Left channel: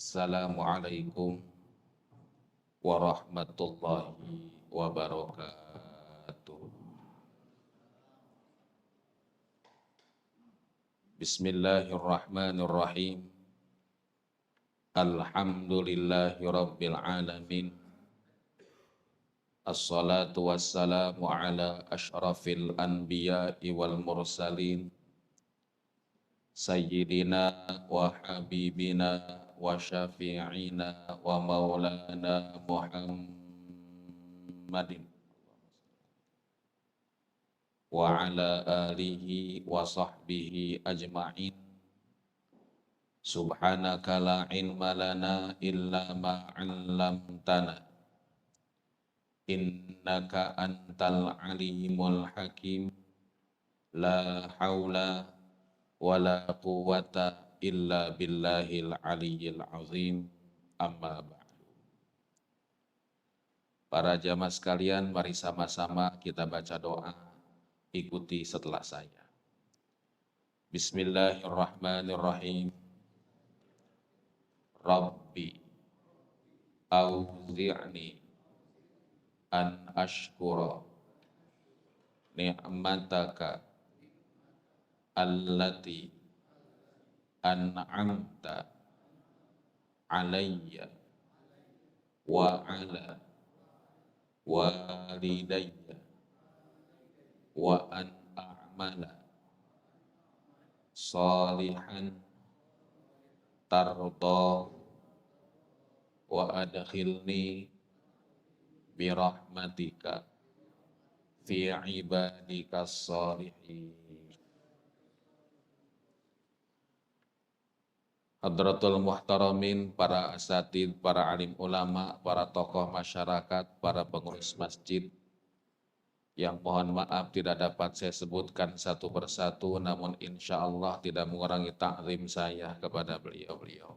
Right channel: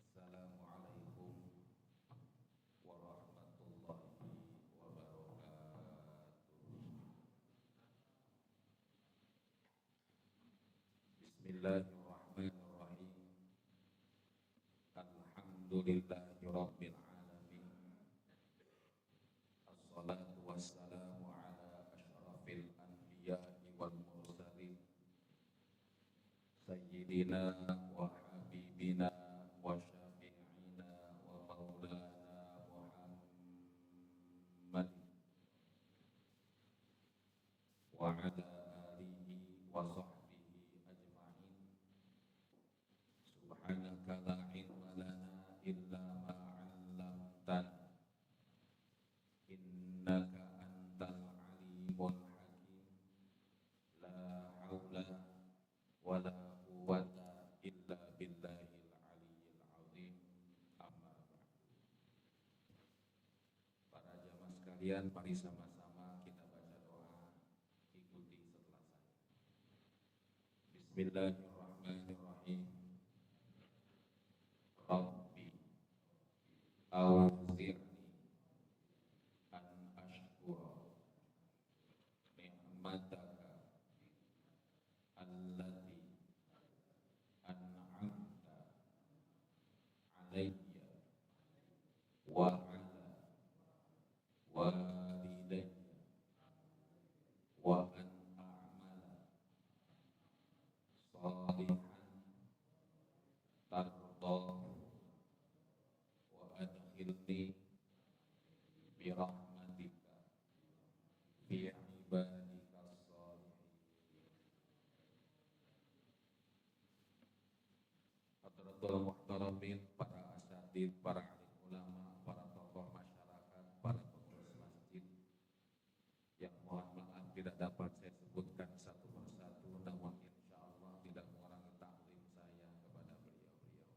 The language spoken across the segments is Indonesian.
Assalamualaikum warahmatullahi wabarakatuh. Bismillahirrahmanirrahim. Alhamdulillahi rabbil alamin. Assalatu wassalamu ala asyrafil anbiya'i wal mursalin. Sayyidina wa habibina wa syafi'ina wa maulana Muhammadin wa ala alihi wa sahbihi ajma'in. Subhanaka la ilma lana illa ma 'allamtana innaka antal alimul hakim. La haula wala quwwata illa billahil aliyyil azim. Amma ba'du. Para jamaah sekalian, mari sama-sama kita baca doa. Ikuti setelah saya. Bismillahirrahmanirrahim. Rabbi auzi'ni an ashkura ni'mataka allati an'amta alayya wa ala walidayya wa an a'mala salihan tarda wa adkhilni birahmatika fi ibadika salihin. Hadratul muhtaramin, para asatid, para alim ulama, para tokoh masyarakat, para pengurus masjid, yang mohon maaf tidak dapat saya sebutkan satu persatu, namun insya Allah tidak mengurangi ta'zim saya kepada beliau-beliau.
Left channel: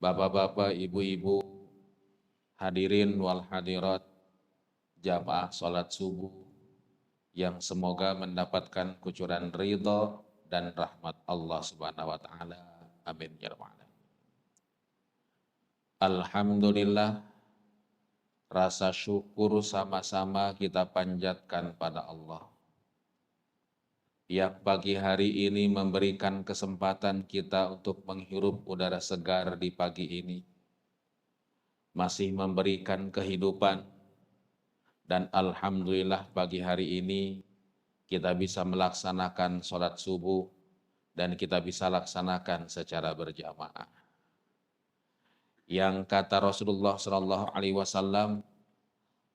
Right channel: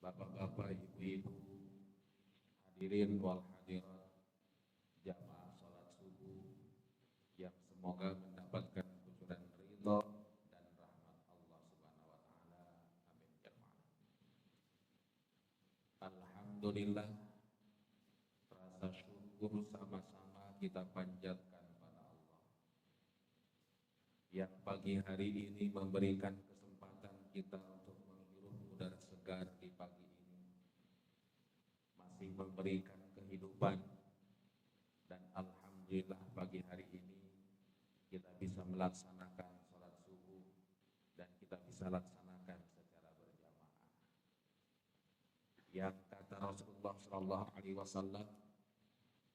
Bapak-bapak, ibu-ibu, hadirin wal hadirat, jamaah sholat subuh, yang semoga mendapatkan kucuran ridha dan rahmat Allah subhanahu wa ta'ala. Amin ya rabbal alamin. Alhamdulillah, rasa syukur sama-sama kita panjatkan pada Allah yang pagi hari ini memberikan kesempatan kita untuk menghirup udara segar di pagi ini, masih memberikan kehidupan, dan alhamdulillah pagi hari ini kita bisa melaksanakan sholat subuh dan kita bisa laksanakan secara berjamaah. Yang kata Rasulullah SAW,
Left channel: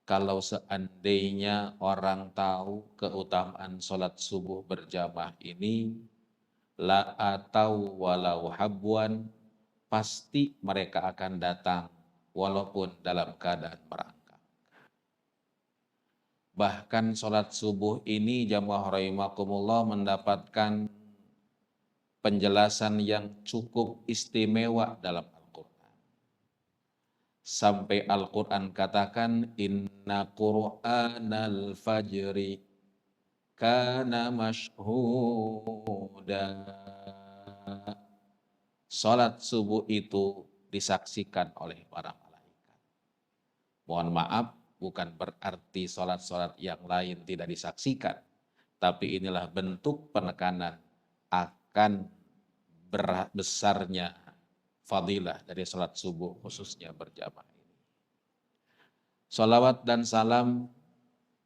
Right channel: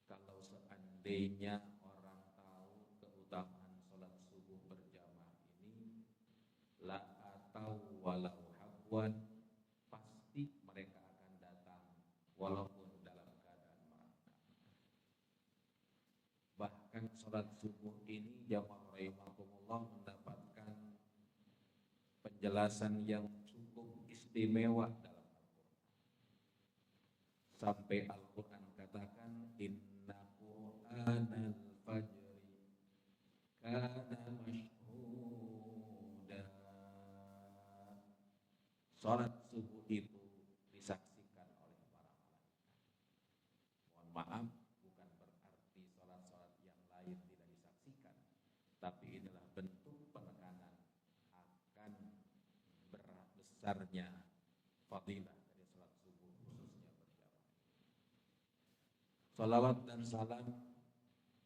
kalau seandainya orang tahu keutamaan sholat subuh berjamaah ini, la atau walau habwan, pasti mereka akan datang walaupun dalam keadaan merangkak. Bahkan sholat subuh ini jamaah rahimakumullah mendapatkan penjelasan yang cukup istimewa dalam Al-Quran. Sampai Al-Quran katakan, inna Qur'anal fajri kana mashhuda. Sholat subuh itu disaksikan oleh para malaikat. Mohon maaf, bukan berarti sholat-sholat yang lain tidak disaksikan, tapi inilah bentuk penekanan akan besarnya fadilah dari sholat subuh khususnya berjamaah ini. Salawat dan salam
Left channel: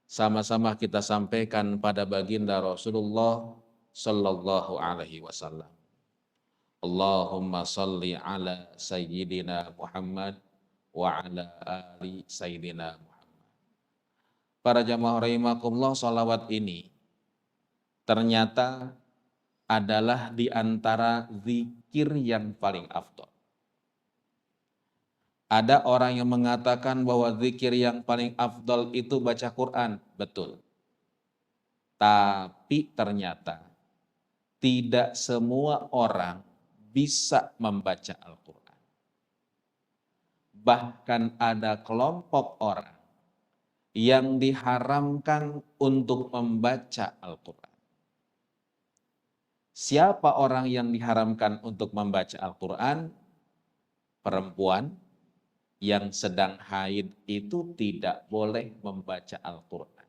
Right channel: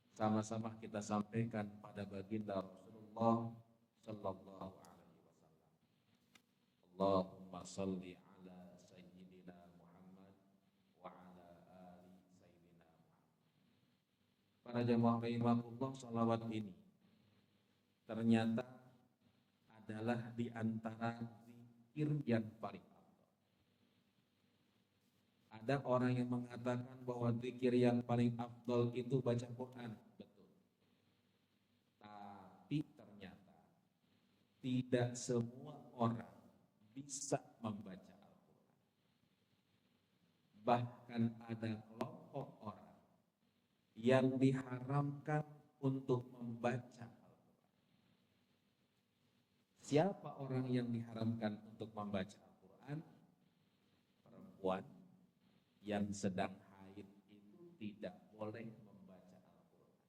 sama-sama kita sampaikan pada baginda Rasulullah Sallallahu Alaihi Wasallam. Allahumma salli ala Sayyidina Muhammad wa ala ali Sayyidina Muhammad. Para jamaah rahimakumullah, salawat ini ternyata adalah di antara zikir yang paling afdal. Ada orang yang mengatakan bahwa zikir yang paling afdal itu baca Quran, betul. Tapi ternyata tidak semua orang bisa membaca Al-Quran. Bahkan ada kelompok orang yang diharamkan untuk membaca Al-Quran. Siapa orang yang diharamkan untuk membaca Al-Quran? Perempuan yang sedang haid itu tidak boleh membaca Al-Quran.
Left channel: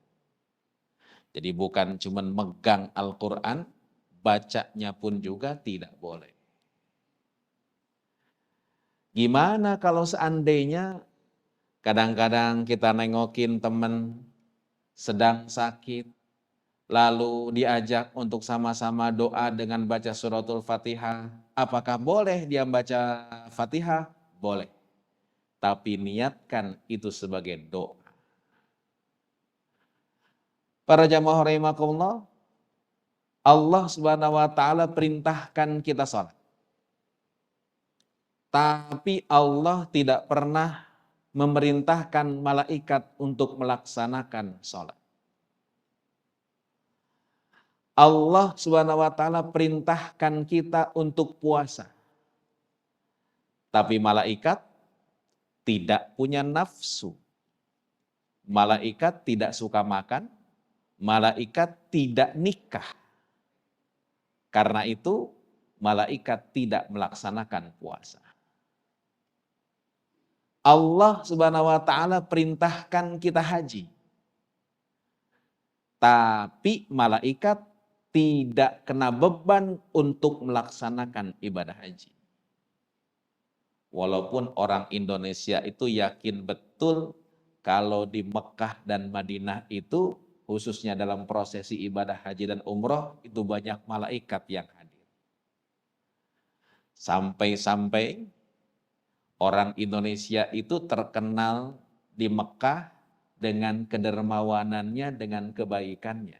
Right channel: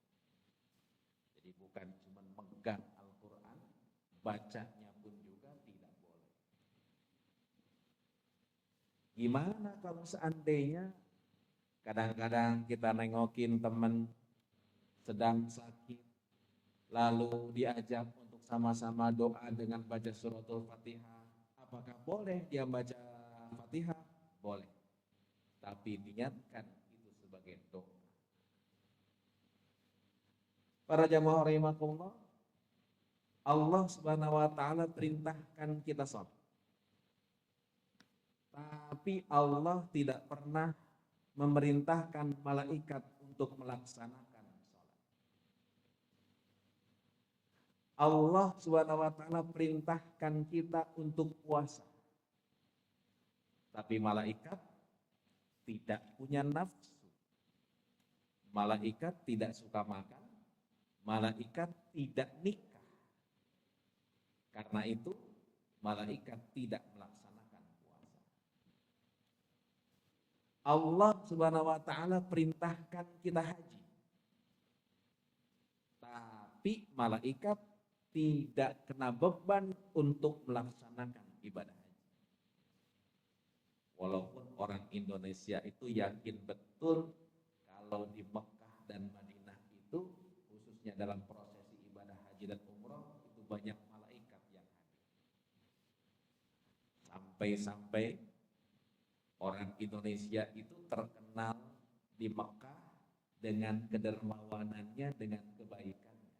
Jadi bukan cuma megang Al-Quran, bacanya pun juga tidak boleh. Gimana kalau seandainya kadang-kadang kita nengokin teman sedang sakit, lalu diajak untuk sama-sama doa dengan baca suratul Fatihah. Apakah boleh dia baca Fatihah? Boleh. Tapi niatkan itu sebagai doa. Para jamaah rahimakumullah, Allah Subhanahu wa taala perintahkan kita salat. Tapi Allah tidak pernah memerintahkan malaikat untuk melaksanakan salat. Allah Subhanahu wa taala perintahkan kita untuk puasa. Tapi malaikat tidak punya nafsu. Malaikat tidak suka makan, malaikat tidak nikah. Karena itu malaikat tidak melaksanakan puasa. Allah Subhanahu wa taala perintahkan kita haji. Tapi malaikat tidak kena beban untuk melaksanakan ibadah haji. Walaupun orang Indonesia itu yakin betul kalau di Mekah dan Madinah itu khususnya dalam prosesi ibadah haji dan umroh itu banyak malaikat yang hadir. Sampai-sampai orang Indonesia itu terkenal di Mekah dengan kedermawanannya, dengan kebaikannya.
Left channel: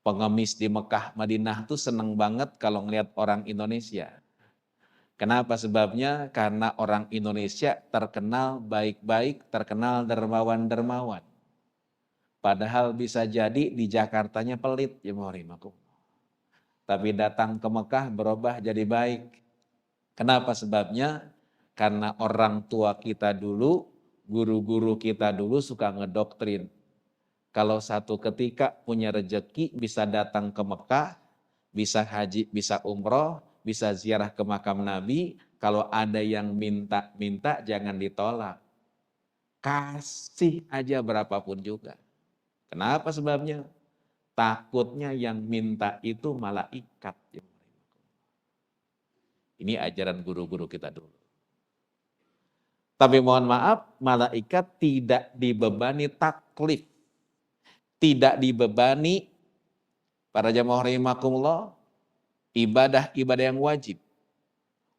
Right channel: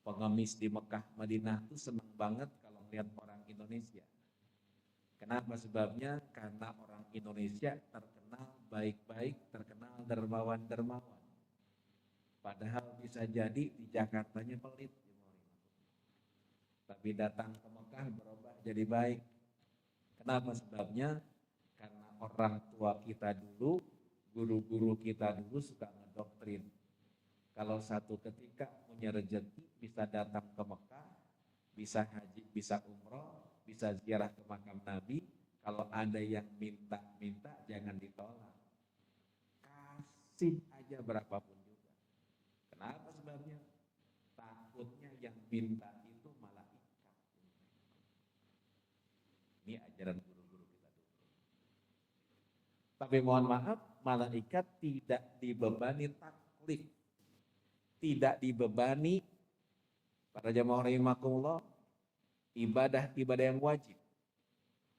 Pengemis di Mekah, Madinah tuh seneng banget kalau ngelihat orang Indonesia. Kenapa sebabnya? Karena orang Indonesia terkenal baik-baik, terkenal dermawan-dermawan. Padahal bisa jadi di Jakartanya pelit, ya mohon. Tapi datang ke Mekah berubah jadi baik. Kenapa sebabnya? Karena orang tua kita dulu, guru-guru kita dulu suka ngedoktrin. Kalau satu ketika punya rejeki bisa datang ke Mekah, bisa haji, bisa umroh, bisa ziarah ke makam Nabi. Kalau ada yang minta-minta jangan ditolak. Kasih aja berapapun juga. Kenapa sebabnya? Takutnya yang minta itu malaikat. Ini ajaran guru-guru kita dulu. Tapi mohon maaf, malaikat tidak dibebani taklif. Tidak dibebani, para jamaah rahimakumullah, ibadah-ibadah yang wajib.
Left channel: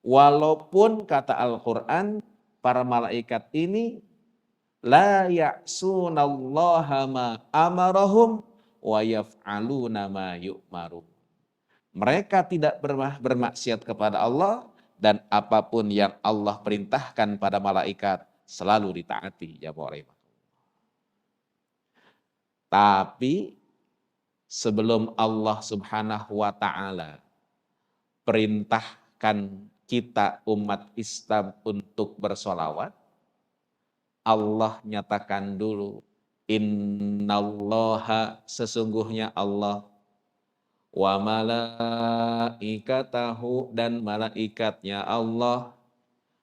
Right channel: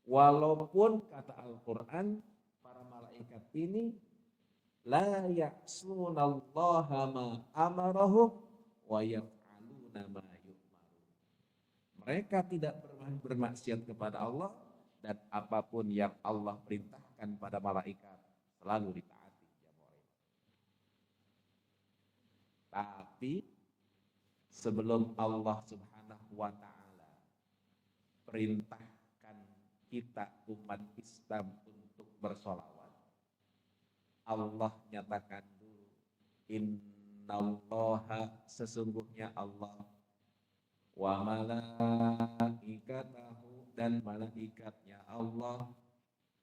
Walaupun kata Al-Quran, para malaikat ini la ya'sunallaha ma amarahum wa yaf'aluna ma yu'maru. Mereka tidak bermaksiat kepada Allah dan apapun yang Allah perintahkan pada malaikat selalu ditaati. Tapi sebelum Allah Subhanahu wa taala perintahkan kita umat Islam untuk bersolawat, Allah nyatakan dulu, innallaha, sesungguhnya Allah, wa malaikatahu, dan malaikatnya Allah,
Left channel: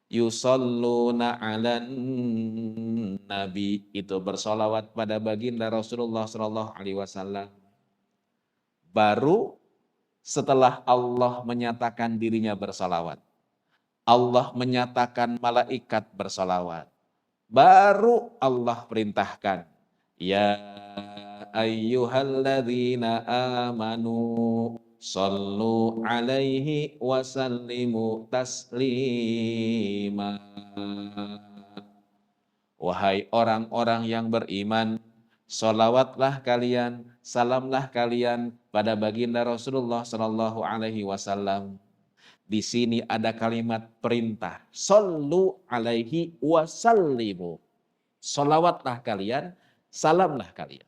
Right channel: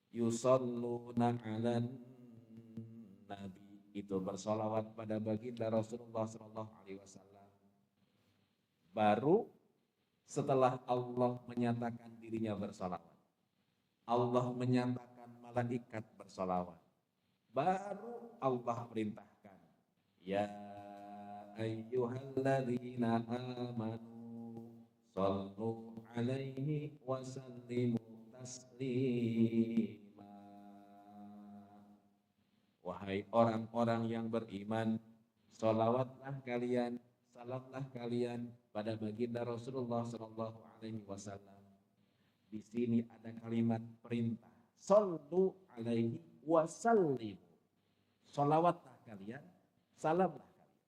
yusalluna 'alan nabi, itu bersolawat pada baginda Rasulullah sallallahu alaihi wasallam. Baru setelah Allah menyatakan dirinya bersolawat, Allah menyatakan malaikat bersolawat, baru Allah perintahkan, ya ayyuhalladzina amanu sallu alaihi wasallimu taslima. Wahai orang-orang yang beriman, sholawatlah kalian, salamlah kalian pada baginda Rasulullah Sallallahu Alaihi Wasallam. Di sini ada kalimat perintah, sallu alaihi wasallimu. Sholawatlah kalian, salamlah kalian.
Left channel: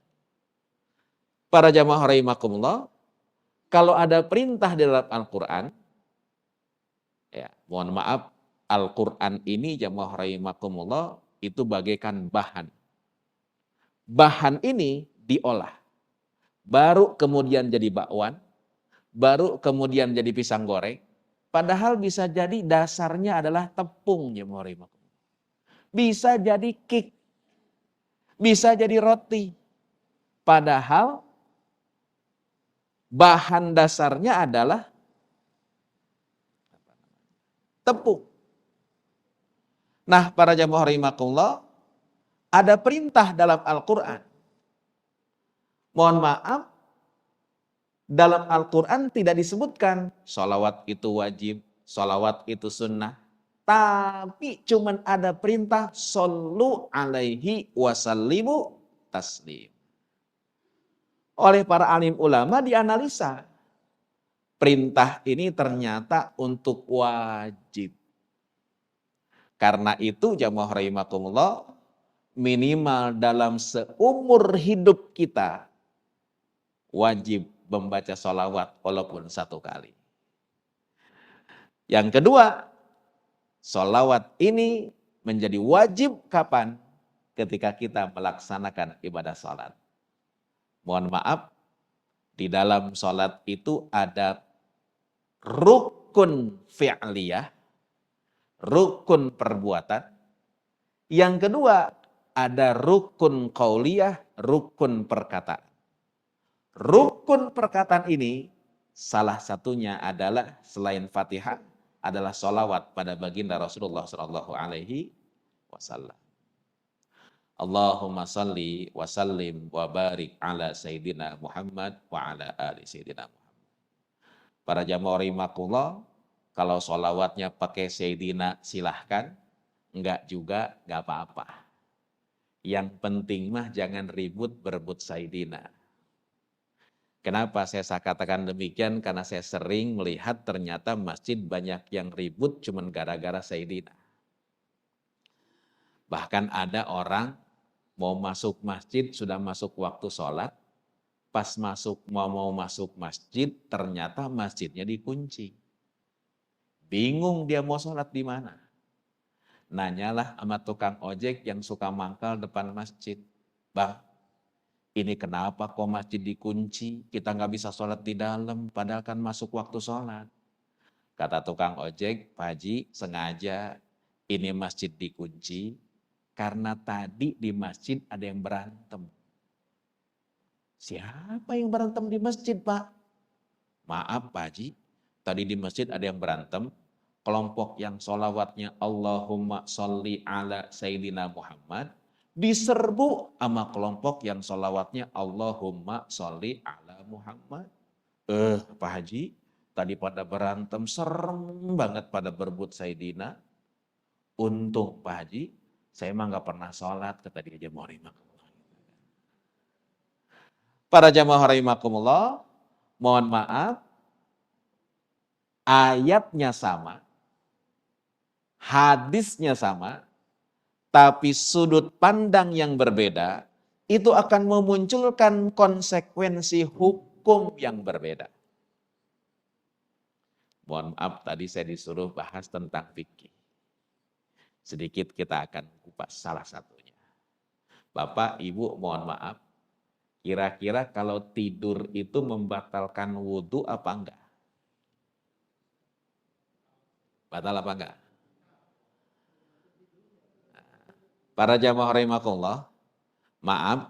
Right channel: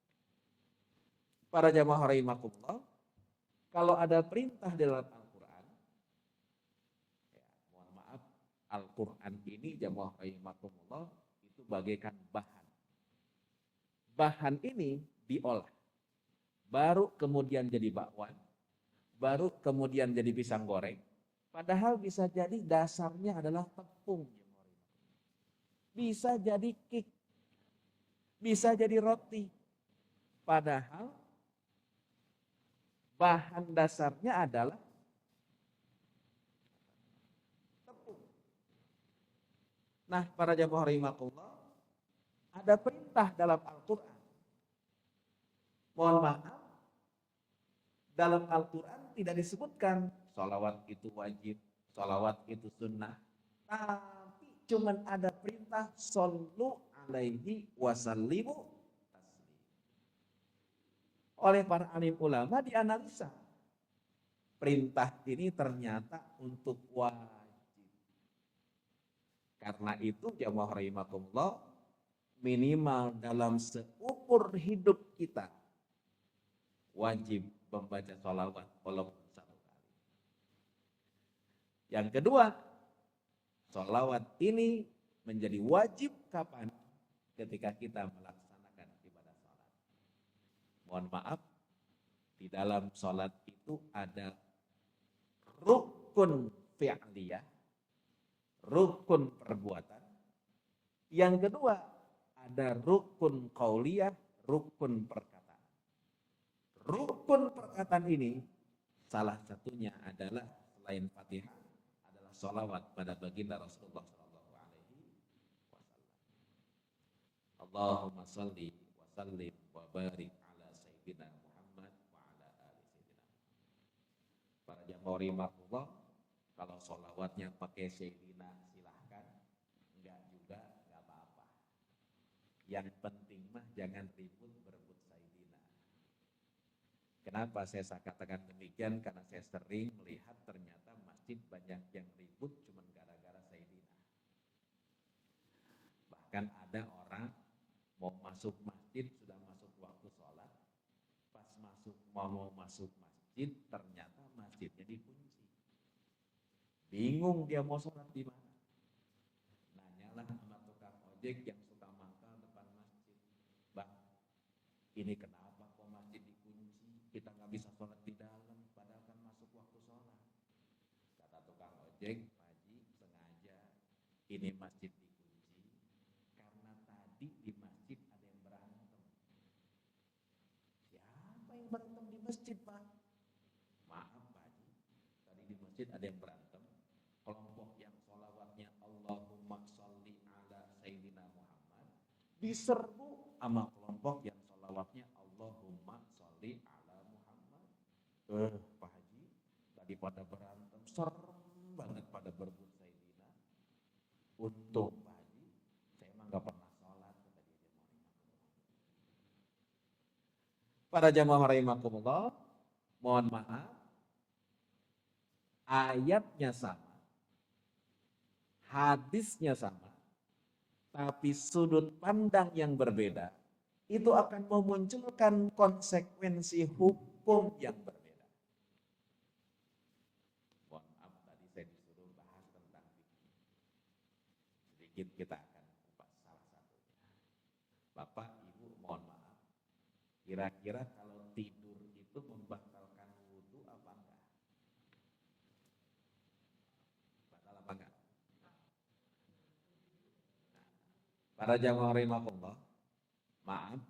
Para jamaah rahimakumullah, kalau ada perintah di dalam Al-Quran, ya mohon maaf, Al-Quran ini jamaah rahimakumullah itu bagaikan bahan. Bahan ini diolah, baru kemudian jadi bakwan, baru kemudian jadi pisang goreng. Padahal bisa jadi dasarnya adalah tepung, jemaah rahimakumullah. Bisa jadi cake, bisa jadi roti. Padahal bahan dasarnya adalah tepung. Nah, para jemaah rahimakumullah, ada perintah dalam Al-Quran. Mohon maaf, dalam Al-Quran tidak disebutkan sholawat itu wajib, sholawat itu sunnah. Tapi cuman ada perintah shollu alaihi wasallimu taslim. Oleh para alim ulama dianalisa. Perintah ini ternyata untuk wajib. Karena itu jamaah rahimakumullah, minimal dalam seumur hidup kita wajib membaca sholawat walaupun 1 kali. Yang kedua, sholawat ini menjadi wajib kapan? Ketika kita melaksanakan ibadah sholat. Mohon maaf, di dalam sholat itu ada rukun fi'liyah, rukun perbuatan. Yang kedua, ada rukun qauliyah, rukun perkataan. Rukun perkataan ini salah satunya adalah selain Fatihah adalah sholawat pada baginda Rasulullah Shallallahu Alaihi Wasallam. Allahumma salli wa sallim wa barik ala Sayyidina Muhammad wa ala ali Sayyidina Muhammad. Para jamaah rahimakumullah, kalau sholawatnya pakai Sayyidina silahkan, enggak juga enggak apa-apa. Yang penting mah jangan ribut berebut Sayyidina. Kenapa saya katakan demikian? Karena saya sering melihat ternyata masjid banyak yang ribut cuman gara-gara Sayyidina. Bahkan ada orang mau masuk masjid, sudah masuk waktu sholat, pas mau masuk masjid, ternyata masjidnya dikunci. Bingung dia mau sholat di mana. Nanyalah sama tukang ojek yang suka mangkal depan masjid. Bang, ini kenapa kok masjid dikunci? Kita nggak bisa sholat di dalam, padahal kan masuk waktu sholat. Kata tukang ojek, Pak Haji, sengaja ini masjid dikunci, karena tadi di masjid ada yang berantem. Siapa yang berantem di masjid, Pak? Maaf Pak Haji, tadi di masjid ada yang berantem. Kelompok yang sholawatnya Allahumma sholli ala Sayyidina Muhammad diserbu sama kelompok yang sholawatnya Allahumma sholli ala Muhammad. Pak Haji, tadi pada berantem, serem banget pada berebut Sayyidina. Untung Pak Haji, saya emang gak pernah sholat, kata dia jamaah rahimakumullah. Para jamaah rahimakumullah, mohon maaf, ayatnya sama, hadisnya sama, tapi sudut pandang yang berbeda, itu akan memunculkan konsekuensi hukum yang berbeda. Mohon maaf, tadi saya disuruh bahas tentang fikih. Sedikit kita akan kupas salah satunya. Bapak, Ibu, mohon maaf, kira-kira kalau tidur itu membatalkan wudhu apa enggak? Batal apa enggak? Para jamaah rahimakumullah, maaf,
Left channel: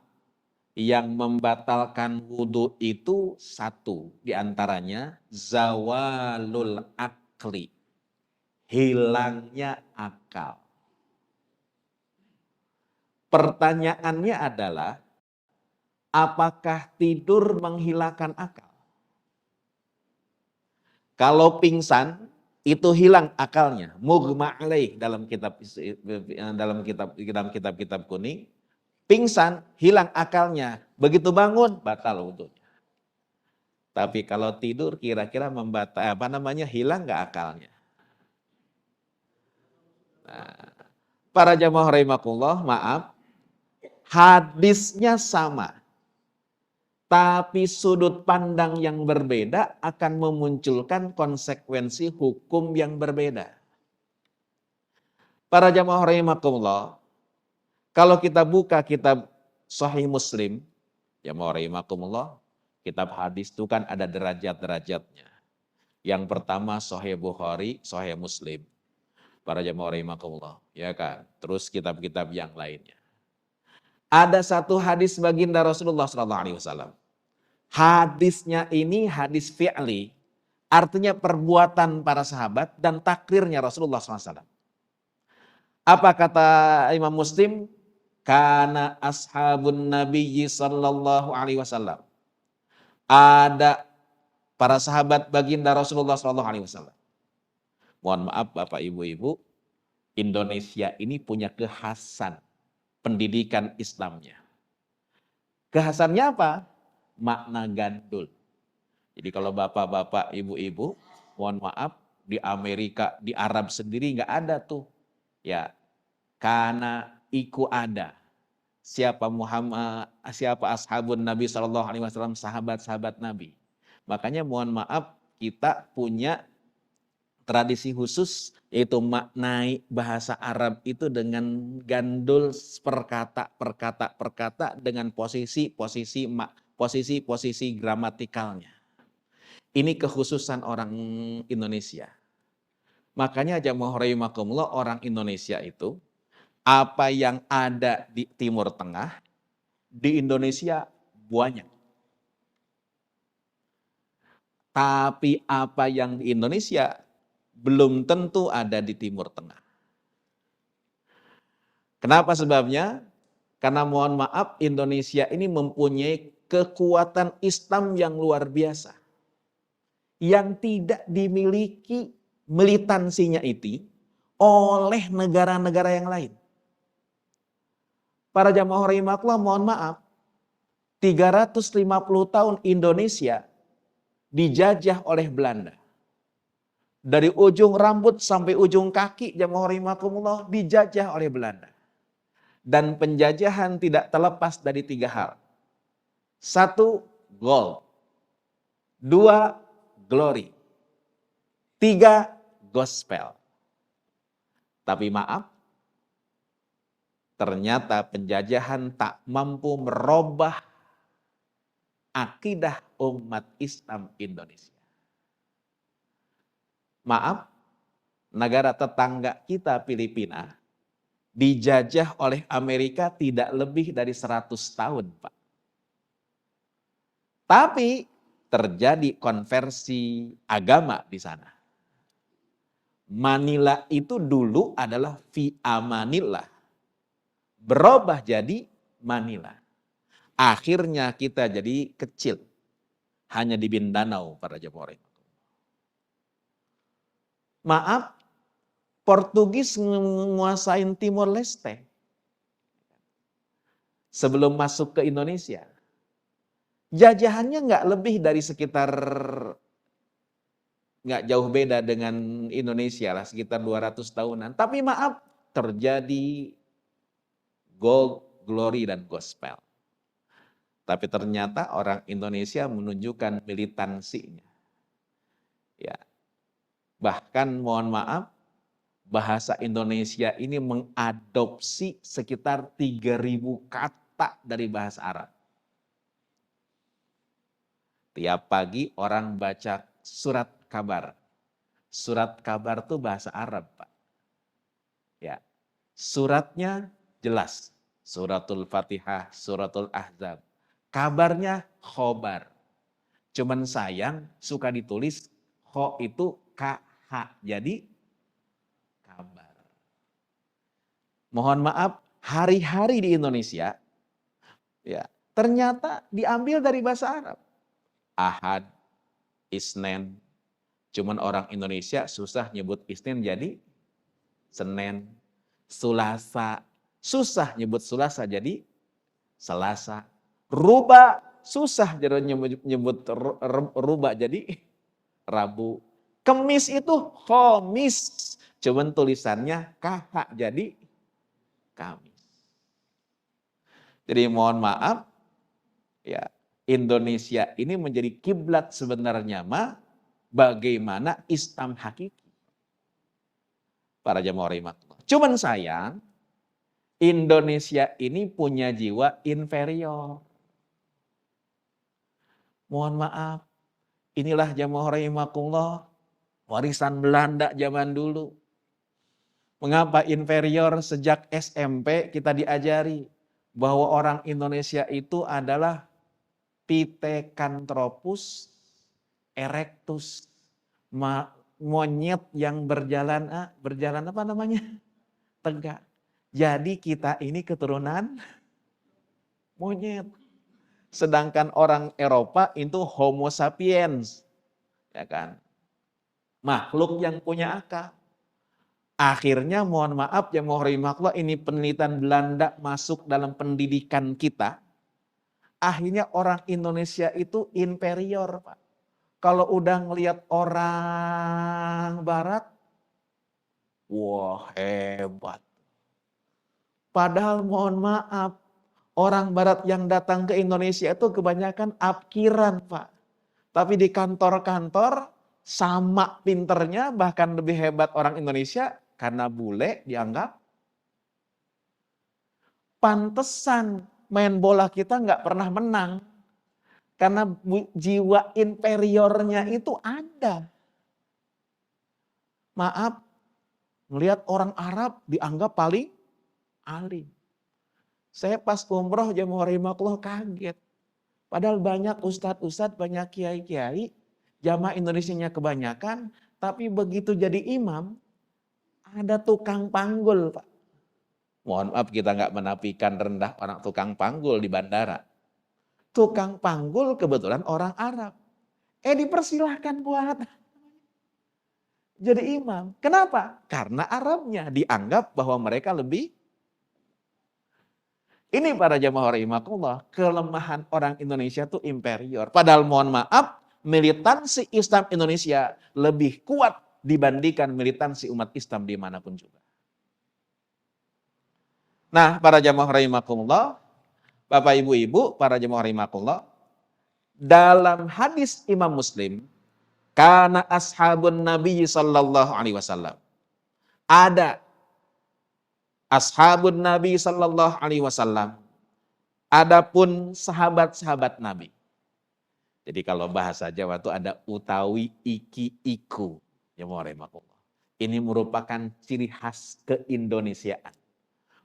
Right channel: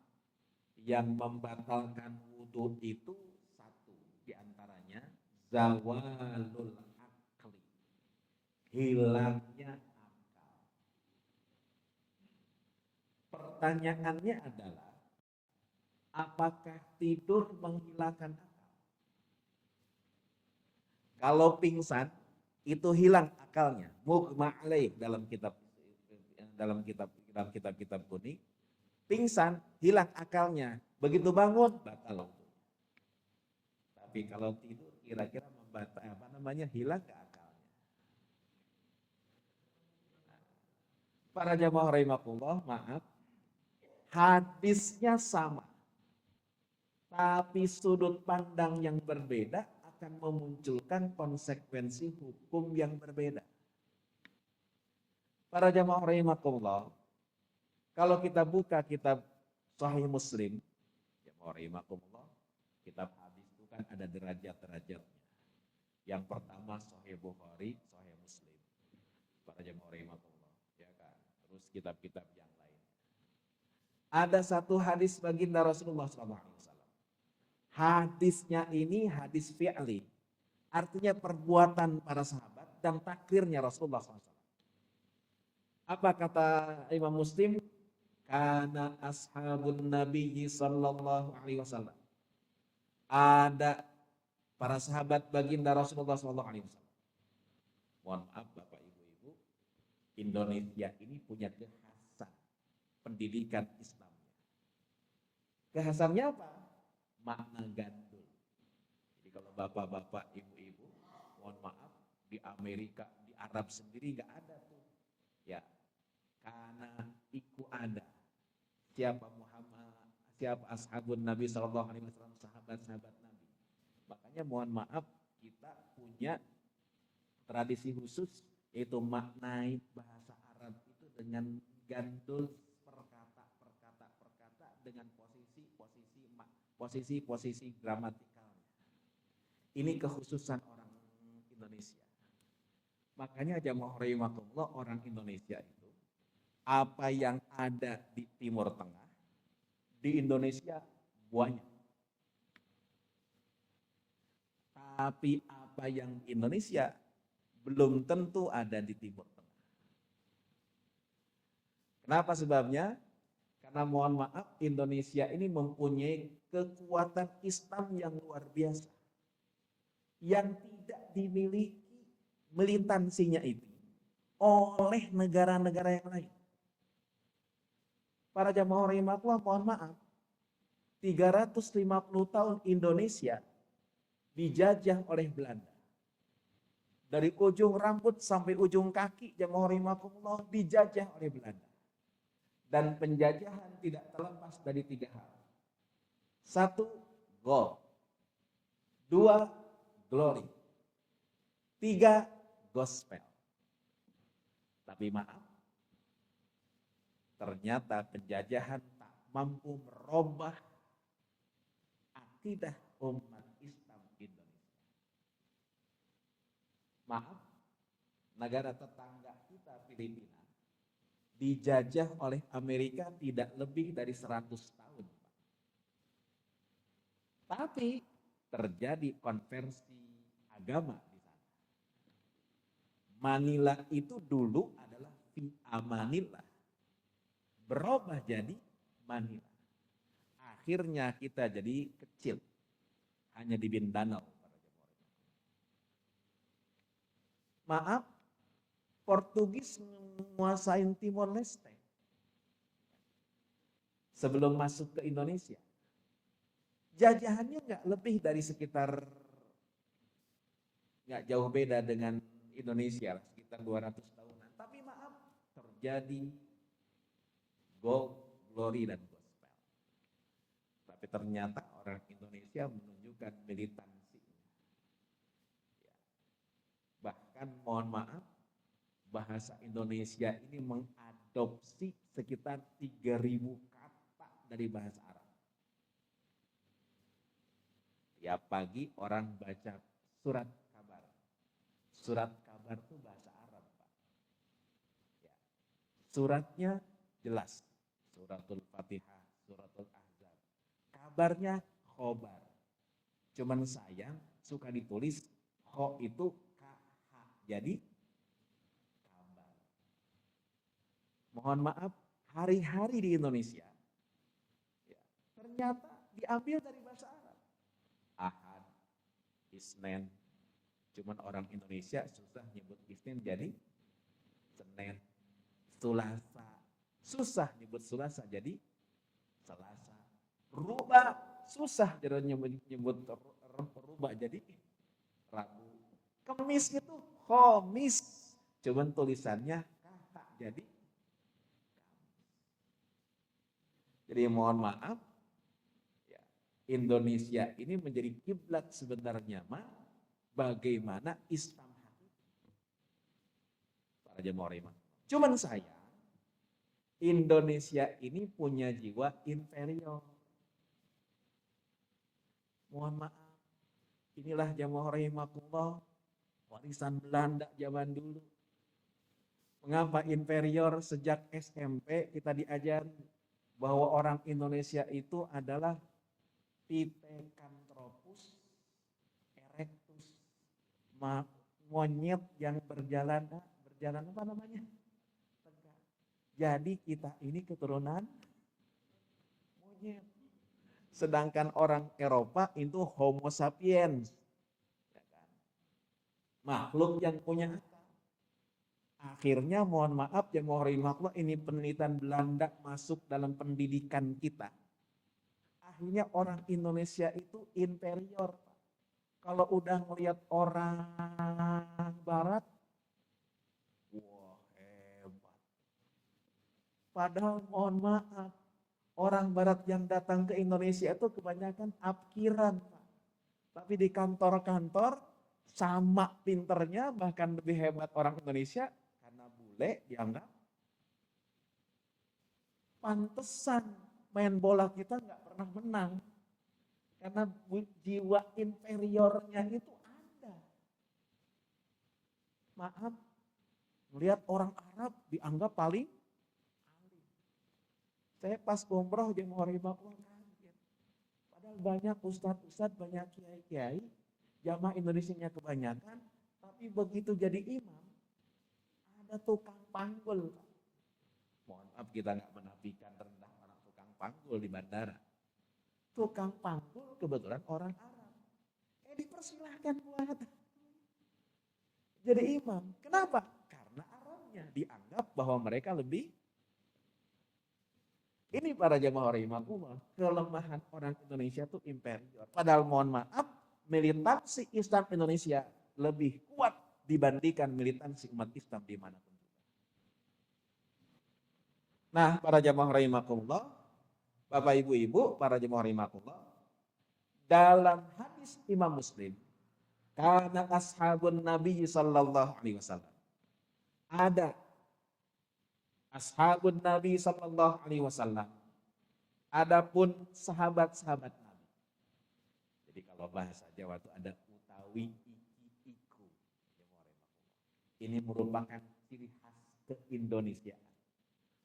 yang membatalkan wudhu itu satu diantaranya zawalul akli, hilangnya akal. Pertanyaannya adalah, apakah tidur menghilangkan akal? Kalau pingsan, itu hilang akalnya. Mughma alaih dalam kitab kuning, pingsan hilang akalnya. Begitu bangun batal wudhunya. Tapi kalau tidur kira-kira hilang nggak akalnya? Nah, para jamaah rahimakumullah, maaf, hadisnya sama. Tapi sudut pandang yang berbeda akan memunculkan konsekuensi hukum yang berbeda. Para jamaah rahimakumullah, kalau kita buka kitab Sahih Muslim, jamaah rahimakumullah, Kitab hadis itu kan ada derajat-derajatnya. Yang pertama Sahih Bukhari, Sahih Muslim. Para jamaah rahimakumullah, ya kan. Terus kitab-kitab yang lainnya. Ada satu hadis baginda Rasulullah SAW. Hadisnya ini hadis fi'li, artinya perbuatan para sahabat dan takrirnya Rasulullah SAW. Apa kata Imam Muslim? Kana ashabun nabiyyi sallallahu alaihi wasallam. Ada para sahabat baginda Rasulullah sallallahu alaihi wasallam. Mohon maaf Bapak Ibu-ibu, Indonesia ini punya kekhasan pendidikan Islamnya. Kekhasannya apa? Makna gandul. Jadi kalau bapak-bapak, ibu-ibu, mohon maaf, di Amerika, di Arab sendiri nggak ada tuh. Ya, karena iku ada. Siapa Muhammad, siapa ashabun Nabi SAW, sahabat-sahabat Nabi. Makanya mohon maaf, kita punya tradisi khusus, yaitu maknai bahasa Arab itu dengan gandul perkata dengan posisi gramatikalnya. Ini kekhususan orang Indonesia. Makanya jamaah rahimakumullah, orang Indonesia itu apa yang ada di Timur Tengah, di Indonesia banyak. Tapi apa yang di Indonesia belum tentu ada di Timur Tengah. Kenapa sebabnya? Karena mohon maaf, Indonesia ini mempunyai kekuatan Islam yang luar biasa. Yang tidak dimiliki militansinya itu oleh negara-negara yang lain. Para jamaah rahimakumullah, mohon maaf, 350 tahun Indonesia dijajah oleh Belanda. Dari ujung rambut sampai ujung kaki jamaah rahimakumullah dijajah oleh Belanda. Dan penjajahan tidak terlepas dari 3 hal. 1, gold. 2, glory. 3, gospel. Tapi maaf, ternyata penjajahan tak mampu merubah akidah umat Islam Indonesia. Maaf, negara tetangga kita Filipina dijajah oleh Amerika tidak lebih dari 100 tahun, Pak. Tapi terjadi konversi agama di sana. Manila itu dulu adalah via Manila. Berubah jadi Manila. Akhirnya kita jadi kecil. Hanya di Mindanao para jemaah. Maaf, Portugis menguasain Timor Leste. Sebelum masuk ke Indonesia. Jajahannya nggak lebih dari sekitar, nggak jauh beda dengan Indonesia lah, sekitar 200 tahunan. Tapi maaf, terjadi gold, glory, dan gospel. Tapi ternyata orang Indonesia menunjukkan militansinya. Ya. Bahkan mohon maaf, bahasa Indonesia ini mengadopsi sekitar 3.000 kata dari bahasa Arab. Tiap pagi orang baca surat kabar. Surat kabar itu bahasa Arab, Pak. Ya. Suratnya jelas. Suratul Fatihah, Suratul Ahzab. Kabarnya khobar. Cuman sayang suka ditulis kho itu KH. Jadi kabar. Mohon maaf, hari-hari di Indonesia ya ternyata diambil dari bahasa Arab. Ahad, Isnin. Cuman orang Indonesia susah nyebut Isnin jadi Senin. Sulasa, susah nyebut Sulasa jadi Selasa. Ruba, susah nyebut ruba jadi Rabu. Kemis itu Khomis. Cuman tulisannya KH jadi Kamis. Jadi mohon maaf, ya Indonesia ini menjadi kiblat sebenarnya bagaimana Islam hakiki. Para jamaah rahimakumullah. Cuman sayang, Indonesia ini punya jiwa inferior. Mohon maaf, inilah jamaah rahimakumullah, warisan Belanda zaman dulu. Mengapa inferior sejak SMP kita diajari bahwa orang Indonesia itu adalah Pithecanthropus erectus, monyet yang berjalan apa namanya? Tegak. Jadi kita ini keturunan monyet. Sedangkan orang Eropa itu Homo sapiens, ya kan? Makhluk yang punya akal. Akhirnya mohon maaf ya mohon ini penelitian Belanda masuk dalam pendidikan kita. Akhirnya orang Indonesia itu inferior, Pak. Kalau udah ngelihat orang Barat, wah hebat. Padahal mohon maaf, orang Barat yang datang ke Indonesia itu kebanyakan apkiran, Pak. Tapi di kantor-kantor sama pinternya, bahkan lebih hebat orang Indonesia karena bule dianggap. Pantesan main bola kita nggak pernah menang. Karena jiwa inferiornya itu ada. Maaf, melihat orang Arab dianggap paling alim. Saya pas umroh jamaah rahimakumullah kaget. Padahal banyak ustadz-ustadz, banyak kiai-kiai, jamaah Indonesianya kebanyakan, tapi begitu jadi imam, ada tukang panggul, Pak. Mohon maaf kita nggak menafikan rendah orang tukang panggul di bandara. Tukang panggul kebetulan orang Arab. Dipersilahkan buat jadi imam. Kenapa? Karena Arabnya dianggap bahwa mereka lebih. Ini para jamaah rahimakumullah, kelemahan orang Indonesia itu inferior. Padahal mohon maaf, militansi Islam Indonesia lebih kuat dibandingkan militansi umat Islam dimanapun juga. Nah, para jamaah rahimakumullah, Bapak Ibu-ibu, para jamaah rahimakumullah, dalam hadis Imam Muslim, kana ashabun Nabi sallallahu alaihi wasallam. Ada ashabun Nabi sallallahu alaihi wasallam. Adapun sahabat-sahabat Nabi. Jadi kalau bahasa Jawa itu ada utawi iki iku. Ya ini merupakan ciri khas keindonesiaan.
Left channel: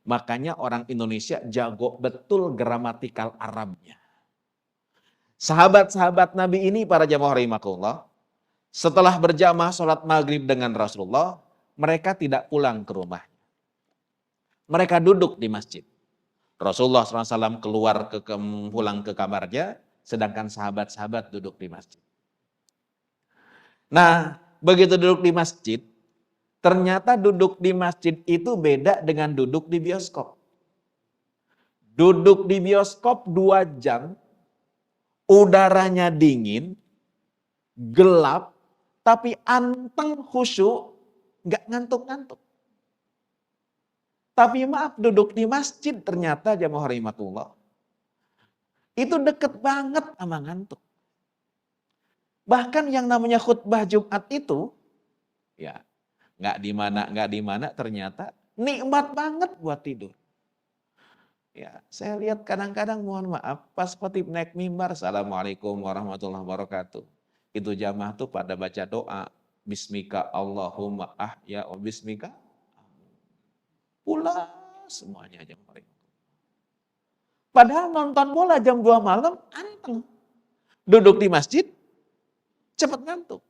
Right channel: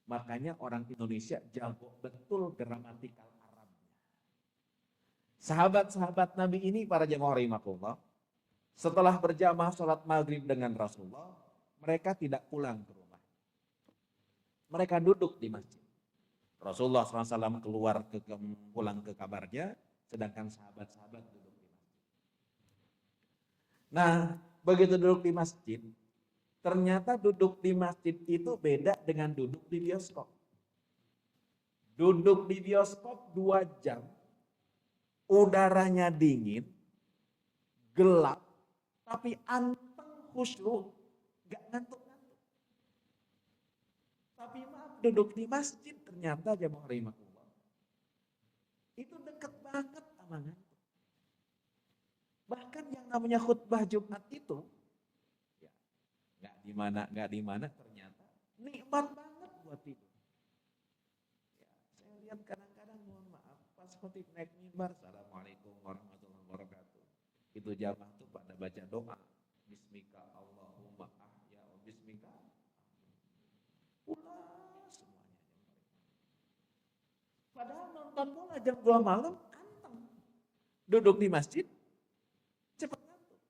Makanya orang Indonesia jago betul gramatikal Arabnya. Sahabat-sahabat Nabi ini para jamaah rahimakumullah, setelah berjamaah sholat maghrib dengan Rasulullah, mereka tidak pulang ke rumah. Mereka duduk di masjid. Rasulullah SAW pulang ke kamarnya, sedangkan sahabat-sahabat duduk di masjid. Nah, begitu duduk di masjid, ternyata duduk di masjid itu beda dengan duduk di bioskop. Duduk di bioskop 2 jam, udaranya dingin, gelap, tapi anteng khusyuk, nggak ngantuk-ngantuk. Tapi maaf, duduk di masjid ternyata jamaah rahimakumullah, itu deket banget sama ngantuk. Bahkan yang namanya khutbah Jumat itu, ya nggak di mana ternyata nikmat banget buat tidur. Ya, saya lihat kadang-kadang mohon maaf, pas khotib naik mimbar, Assalamualaikum warahmatullahi wabarakatuh. Itu jamaah tuh pada baca doa, Bismika Allahumma ahya wa bismika. Pulas semuanya jamaah. Padahal nonton bola jam 2 malam, anteng. Duduk di masjid, cepat ngantuk.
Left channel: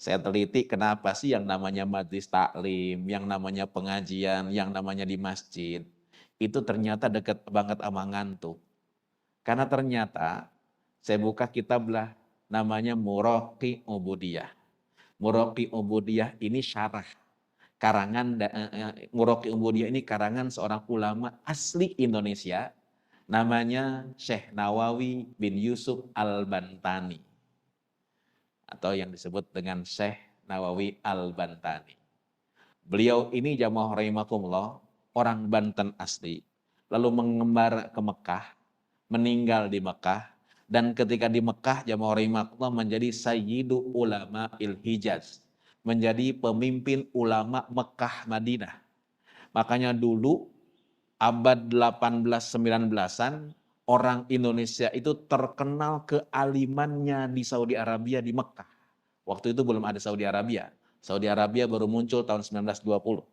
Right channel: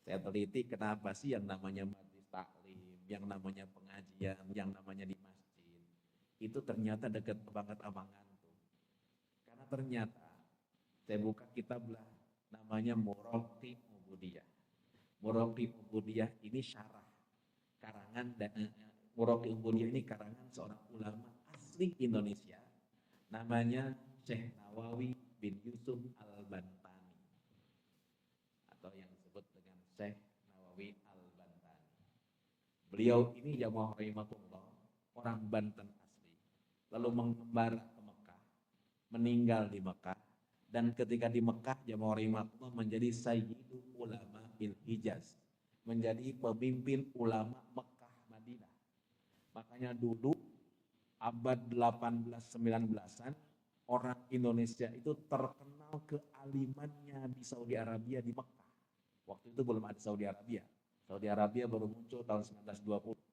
Saya teliti kenapa sih yang namanya majlis taklim, yang namanya pengajian, yang namanya di masjid, itu ternyata dekat banget sama ngantuk. Karena ternyata, saya buka kitab lah, namanya Muraqi Ubudiyah. Muraqi Ubudiyah ini syarah. Karangan Muraqi Ubudiyah ini karangan seorang ulama asli Indonesia, namanya Syekh Nawawi bin Yusuf Al-Bantani. Atau yang disebut dengan Syekh Nawawi Al-Bantani. Beliau ini jamaah rahimakumullah, orang Banten asli, lalu mengembara ke Mekah, meninggal di Mekah, dan ketika di Mekah jamaah rahimakumullah menjadi sayyidu ulama il-Hijaz, menjadi pemimpin ulama Mekah Madinah. Makanya dulu abad 18-19-an orang Indonesia itu terkenal kealimannya di Saudi Arabia, di Mekah. Waktu itu belum ada Saudi Arabia. Saudi Arabia baru muncul tahun 1920.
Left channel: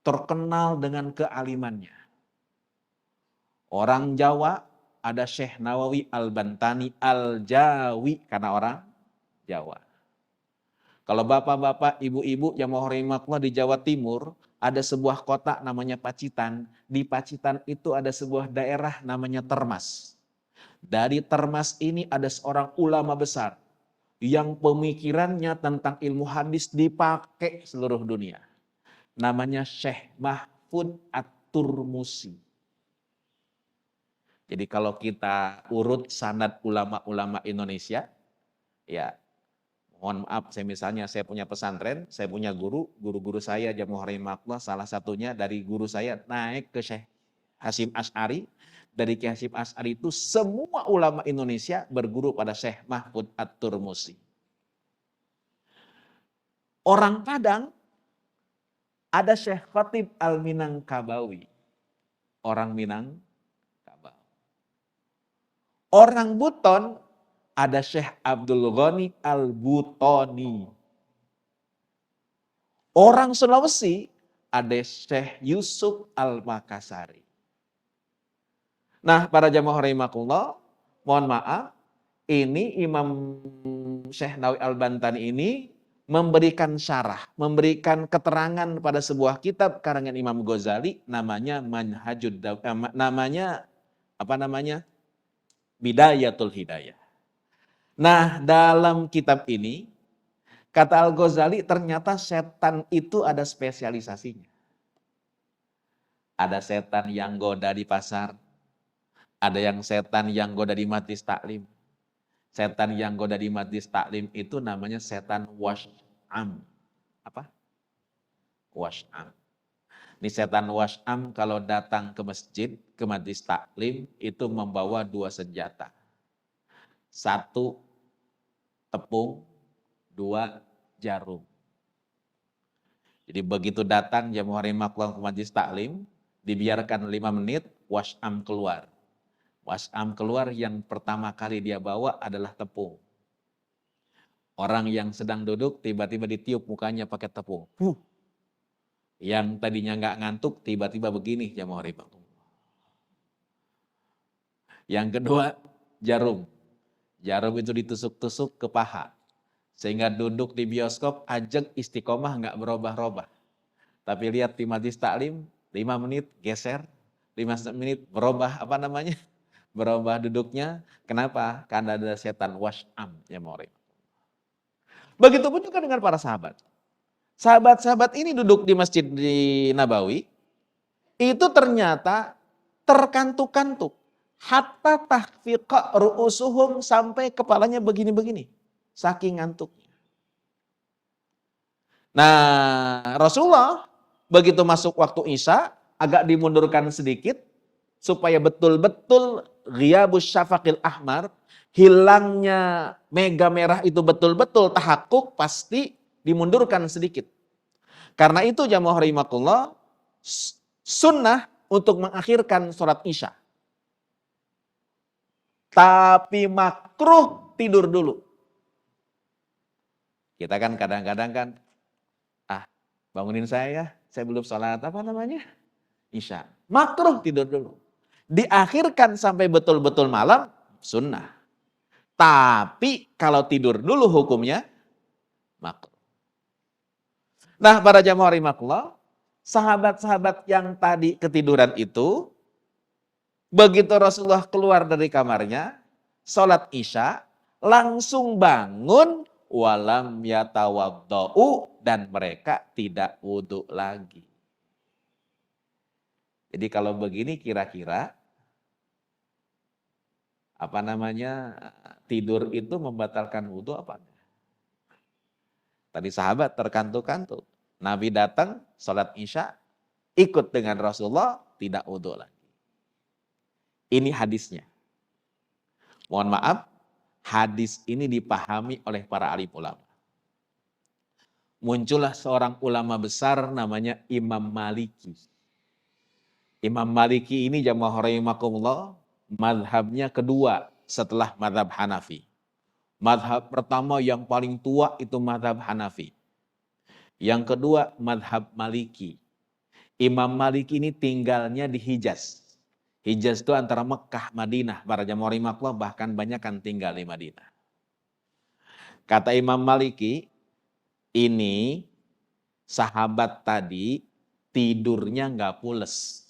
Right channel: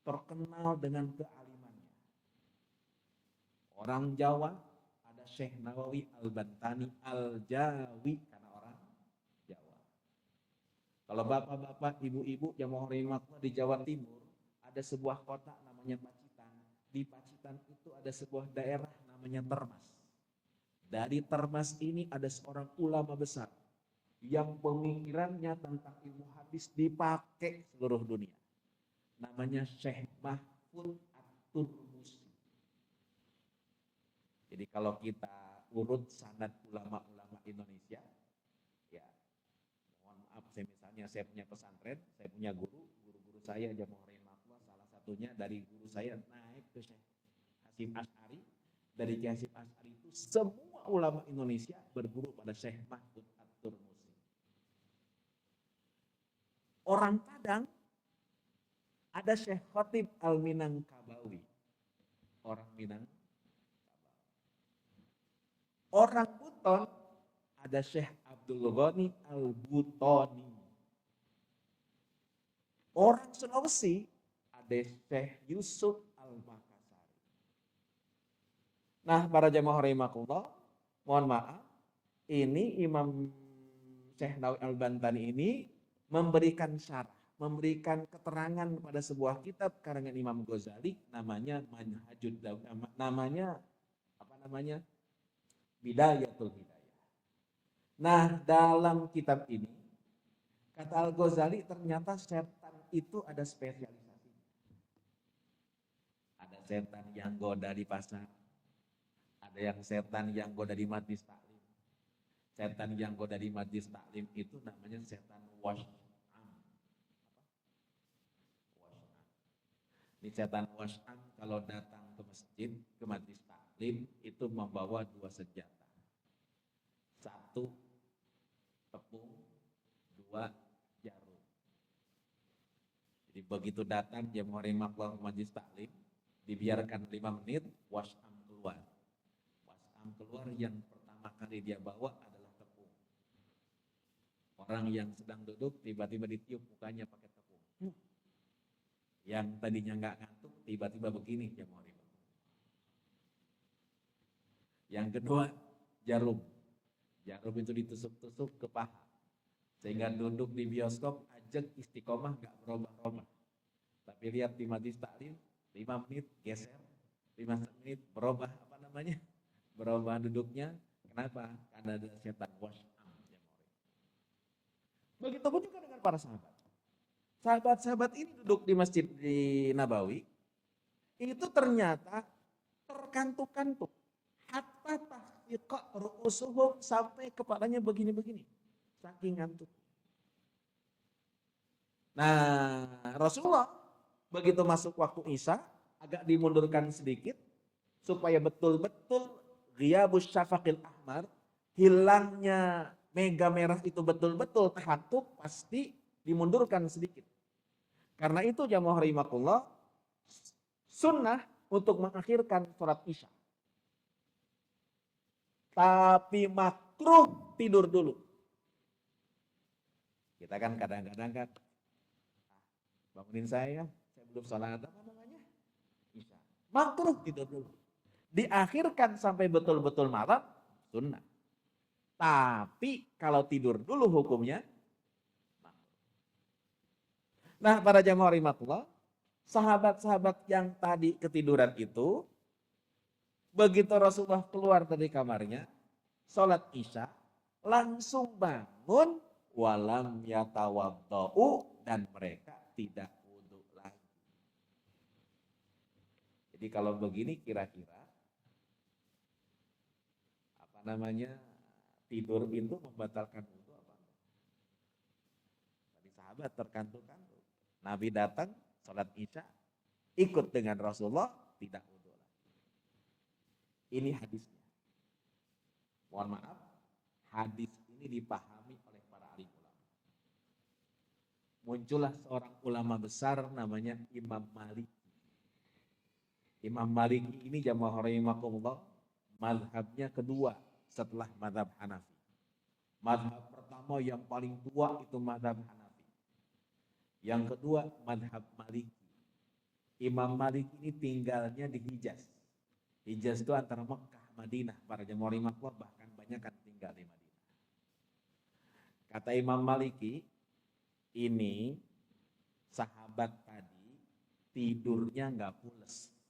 Terkenal dengan kealimannya. Orang Jawa ada Syekh Nawawi Al-Bantani Al-Jawi karena orang Jawa. Kalau bapak-bapak, ibu-ibu yang mau rahimakumullah di Jawa Timur, ada sebuah kota namanya Pacitan. Di Pacitan itu ada sebuah daerah namanya Termas. Dari Termas ini ada seorang ulama besar yang pemikirannya tentang ilmu hadis dipakai seluruh dunia. Namanya Syekh Mahfud At-Turmusi. Jadi kalau kita urut sanad ulama-ulama Indonesia, ya mohon maaf, saya punya pesantren, saya punya guru-guru saya Jamuh Rahimakumullah, salah satunya dari guru saya naik ke Syekh Hasyim Asy'ari. Dari Syekh Hasyim Asy'ari itu semua ulama Indonesia berguru pada Syekh Mahfud At-Turmusi. Orang Padang ada Syekh Khatib Al-Minangkabawi. Orang Minangkabau. Orang Buton ada Syekh Abdul Ghani Al-Butoni. Orang Sulawesi ada Syekh Yusuf Al-Makassari. Nah, para jamaah rahimakumullah, mohon maaf, ini Imam Syekh Nawawi Al-Bantani ini memberikan syarah, memberikan keterangan pada sebuah kitab karangan Imam Ghazali namanya Manhajud Bidayatul Hidayah. Nah, dalam kitab ini kata Al-Ghazali ternyata setan itu ada spesialisasinya. Ada setan yang goda di pasar, ada yang setan yang goda di majlis taklim. Setan yang goda di majlis taklim itu namanya setan wash'am. Apa? Wash'am. Ini setan wash'am kalau datang ke masjid, ke majlis taklim, itu membawa dua senjata. Satu tepung, dua jarum. Jadi begitu datang jamaah rahimakumullah ke majlis taklim, dibiarkan 5 menit, wash'am keluar. Wash'am keluar, yang pertama kali dia bawa adalah tepung. Orang yang sedang duduk tiba-tiba ditiup mukanya pakai tepung. Yang tadinya nggak ngantuk tiba-tiba begini jamaah rahimakumullah. Yang kedua, jarum. Jarum itu ditusuk-tusuk ke paha. Sehingga duduk di bioskop ajak istiqomah nggak berubah-ubah. Tapi lihat di majlis taklim 5 menit geser, 5 menit berubah berubah duduknya. Kenapa? Karena ada setan wash'am ya murid. Begitupun juga dengan para sahabat. Sahabat-sahabat ini duduk di Masjid di Nabawi, itu ternyata terkantuk-kantuk. Hatta tahfiqa ru'usuhum, sampai kepalanya begini-begini. Saking ngantuknya. Nah, Rasulullah begitu masuk waktu Isya, agak dimundurkan sedikit, supaya betul-betul ghiyabus syafaqil ahmar, hilangnya mega merah itu betul-betul tahakkuk, pasti dimundurkan sedikit. Karena itu jamaah rahimakumullah, sunnah untuk mengakhirkan sholat Isya. Tapi makruh tidur dulu. Kita kan kadang-kadang kan, bangunin saya belum sholat Isya. Makruh tidur dulu. Diakhirkan sampai betul-betul malam, sunnah. Tapi kalau tidur dulu hukumnya makruh. Nah, para jamaah rahimakumullah, sahabat-sahabat yang tadi ketiduran itu, begitu Rasulullah keluar dari kamarnya, sholat Isya, langsung bangun, walam yatawadda'u, dan mereka tidak wudhu lagi. Jadi kalau begini kira-kira tidur itu membatalkan wudhu apa? Tadi sahabat terkantuk-kantuk. Nabi datang, sholat Isya, ikut dengan Rasulullah, tidak wudhu lagi. Ini hadisnya. Mohon maaf, hadis ini dipahami oleh para alim ulama. Muncullah seorang ulama besar namanya Imam Maliki. Imam Maliki ini jamaah rahimakumullah, madhabnya kedua setelah madhab Hanafi. Madhab pertama yang paling tua itu madhab Hanafi. Yang kedua madhab Maliki. Imam Maliki ini tinggalnya di Hijaz. Hijaz itu antara Mekah, Madinah. Para jamaah rahimakumullah bahkan banyak kan tinggal di Madinah. Kata Imam Maliki, ini sahabat tadi tidurnya nggak pules.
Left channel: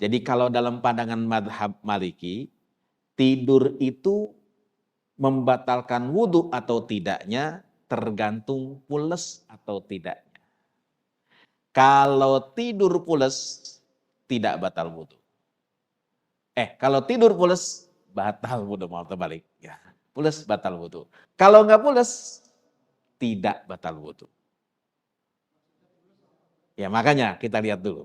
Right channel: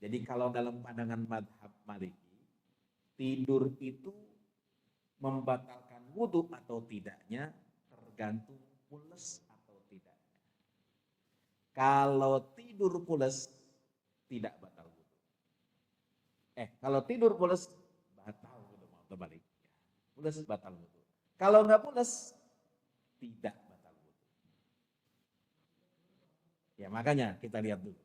Jadi kalau dalam pandangan madhab Maliki, tidur itu membatalkan wudhu atau tidaknya tergantung pules atau tidaknya. Kalau tidur pules, tidak batal wudhu. Kalau tidur pules, batal wudhu, mau terbalik. Ya, pules batal wudhu. Kalau nggak pules, tidak batal wudhu. Ya makanya kita lihat dulu.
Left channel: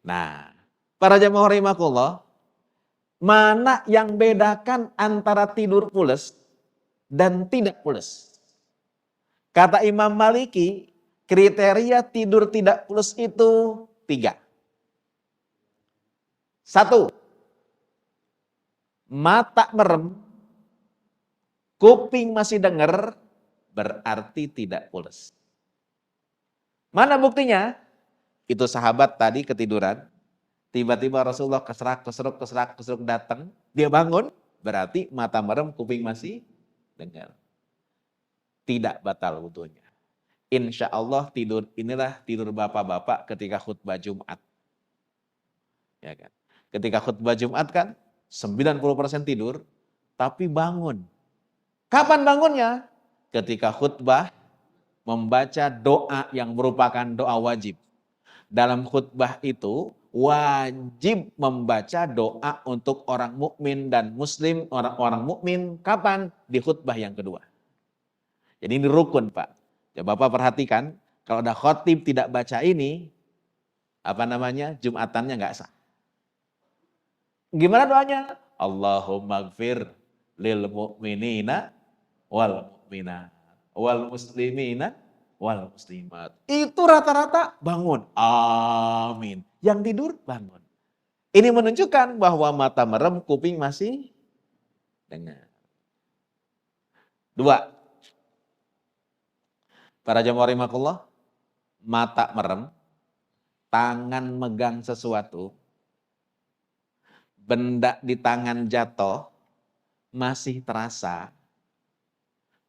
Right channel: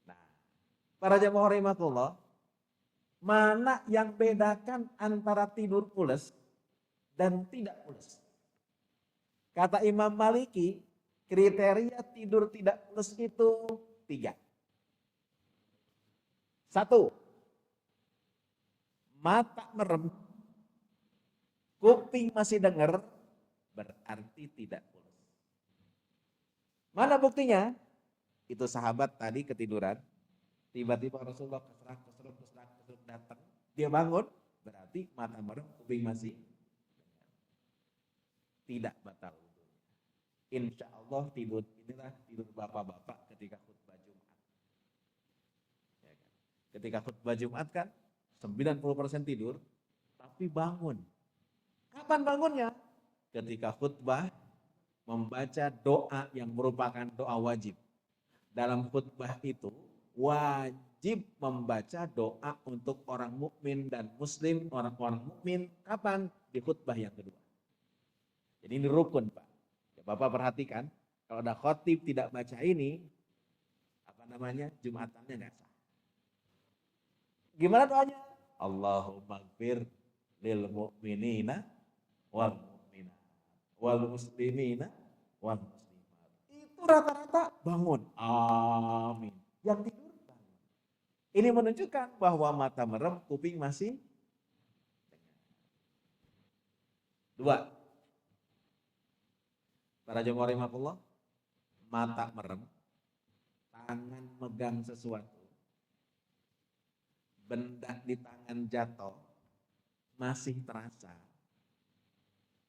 Nah, para jamaah rahimakumullah, mana yang bedakan antara tidur pules dan tidak pules? Kata Imam Maliki, kriteria tidur tidak pules itu 3. 1, mata merem, kuping masih dengar, berarti tidak pules. Mana buktinya? Itu sahabat tadi ketiduran, tiba-tiba Rasulullah keserak datang, dia bangun, berarti mata merem, kuping masih dengar. Tidak batal wudunya. Insya Allah tidur inilah tidur bapak-bapak ketika khutbah Jumat. Ya kan? Ketika khutbah Jumat kan 90% tidur, tapi bangun. Kapan bangunnya? Ketika khutbah membaca doa yang merupakan doa wajib. Dalam khutbah itu wajib membaca doa untuk orang mukmin dan muslim, orang-orang mukmin kapan? Di khutbah yang kedua. Jadi ini rukun, Pak. Coba Bapak perhatikan, kalau ada khotib tidak baca ini, Jumatannya nggak sah. Gimana doanya? Allahumma gfir lil mu'minina wal mu'minat wal muslimina wal muslimat. Itu rata-rata bangun. Amin. Yang tidur bangun. Ini menunjukkan bahwa mata merem, kuping masih dengar. 2. Para jamaah rahimakumullah, mata merem, tangan megang sesuatu, benda di tangan jatuh, masih terasa,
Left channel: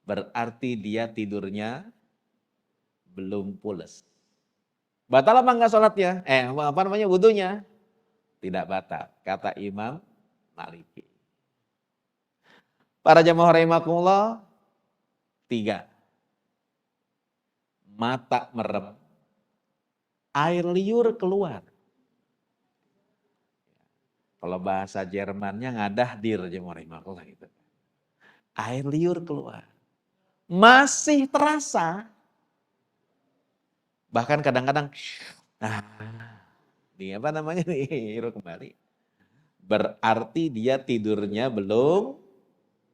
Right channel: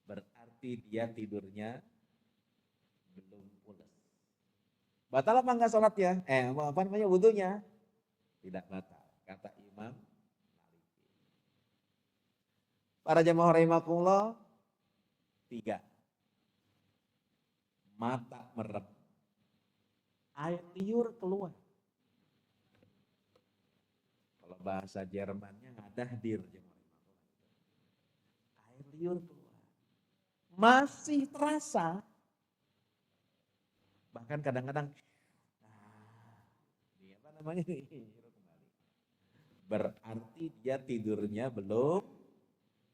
berarti dia tidurnya belum pules. Batal apa enggak sholatnya? Wudunya? Tidak batal, kata Imam Maliki. Para jamaah rahimakumullah, 3. Mata merem, air liur keluar. Kalau bahasa Jermannya ngadah dir, jamaah rahimakumullah itu. Air liur keluar. Masih terasa. Bahkan kadang-kadang, hirup kembali. Berarti dia tidurnya belum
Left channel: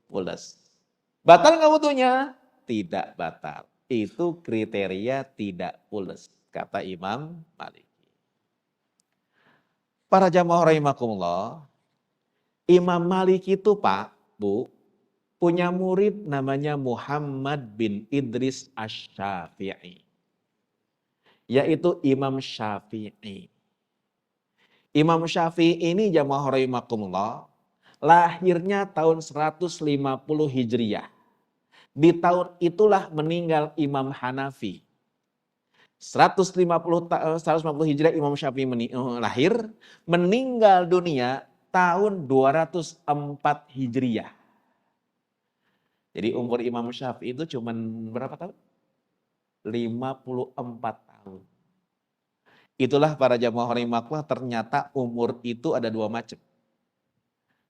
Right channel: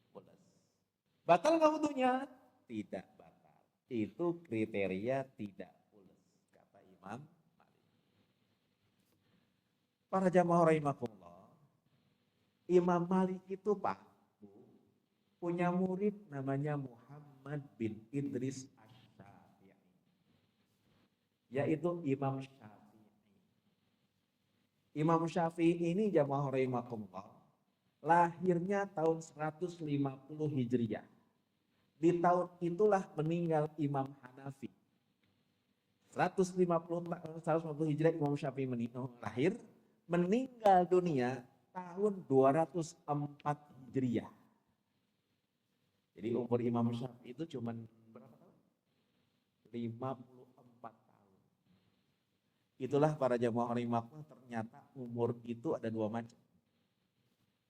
pules. Batal nggak wudunya? Tidak batal. Itu kriteria tidak pules, kata Imam Malik. Para jamaah rahimakumullah, Imam Malik itu Pak, Bu, punya murid namanya Muhammad bin Idris Asy-Syafi'i. Yaitu Imam Syafi'i. Imam Syafi'i ini jamaah rahimakumullah, lahirnya tahun 150 Hijriah. Di tahun itulah meninggal Imam Hanafi. 150 Hijriah Imam Syafi'i lahir, meninggal dunia tahun 204 Hijriah. Jadi umur Imam Syafi'i itu cuma berapa tahun? 54 tahun. Itulah para jamaah rahimakumullah, ternyata umur itu ada 2 macam.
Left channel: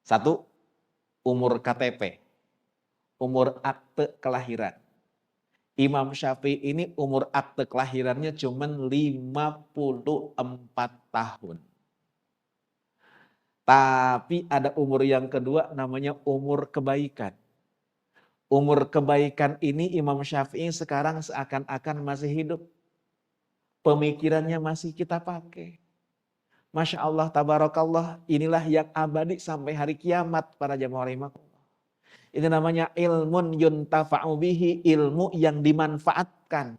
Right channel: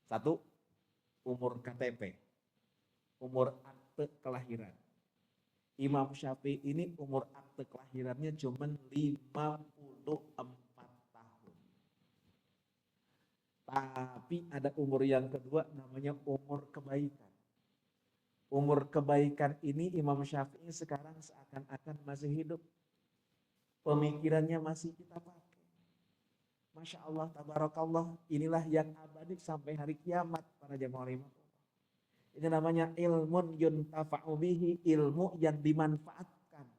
1, umur KTP, umur akte kelahiran. Imam Syafi'i ini umur akte kelahirannya cuma 54 tahun. Tapi ada umur yang kedua namanya umur kebaikan. Umur kebaikan ini Imam Syafi'i sekarang seakan-akan masih hidup. Pemikirannya masih kita pakai. Masya Allah, tabarakallah, inilah yang abadi sampai hari kiamat para jamaah rahimakumullah. Itu namanya ilmun yuntafa'u bihi, ilmu yang dimanfaatkan.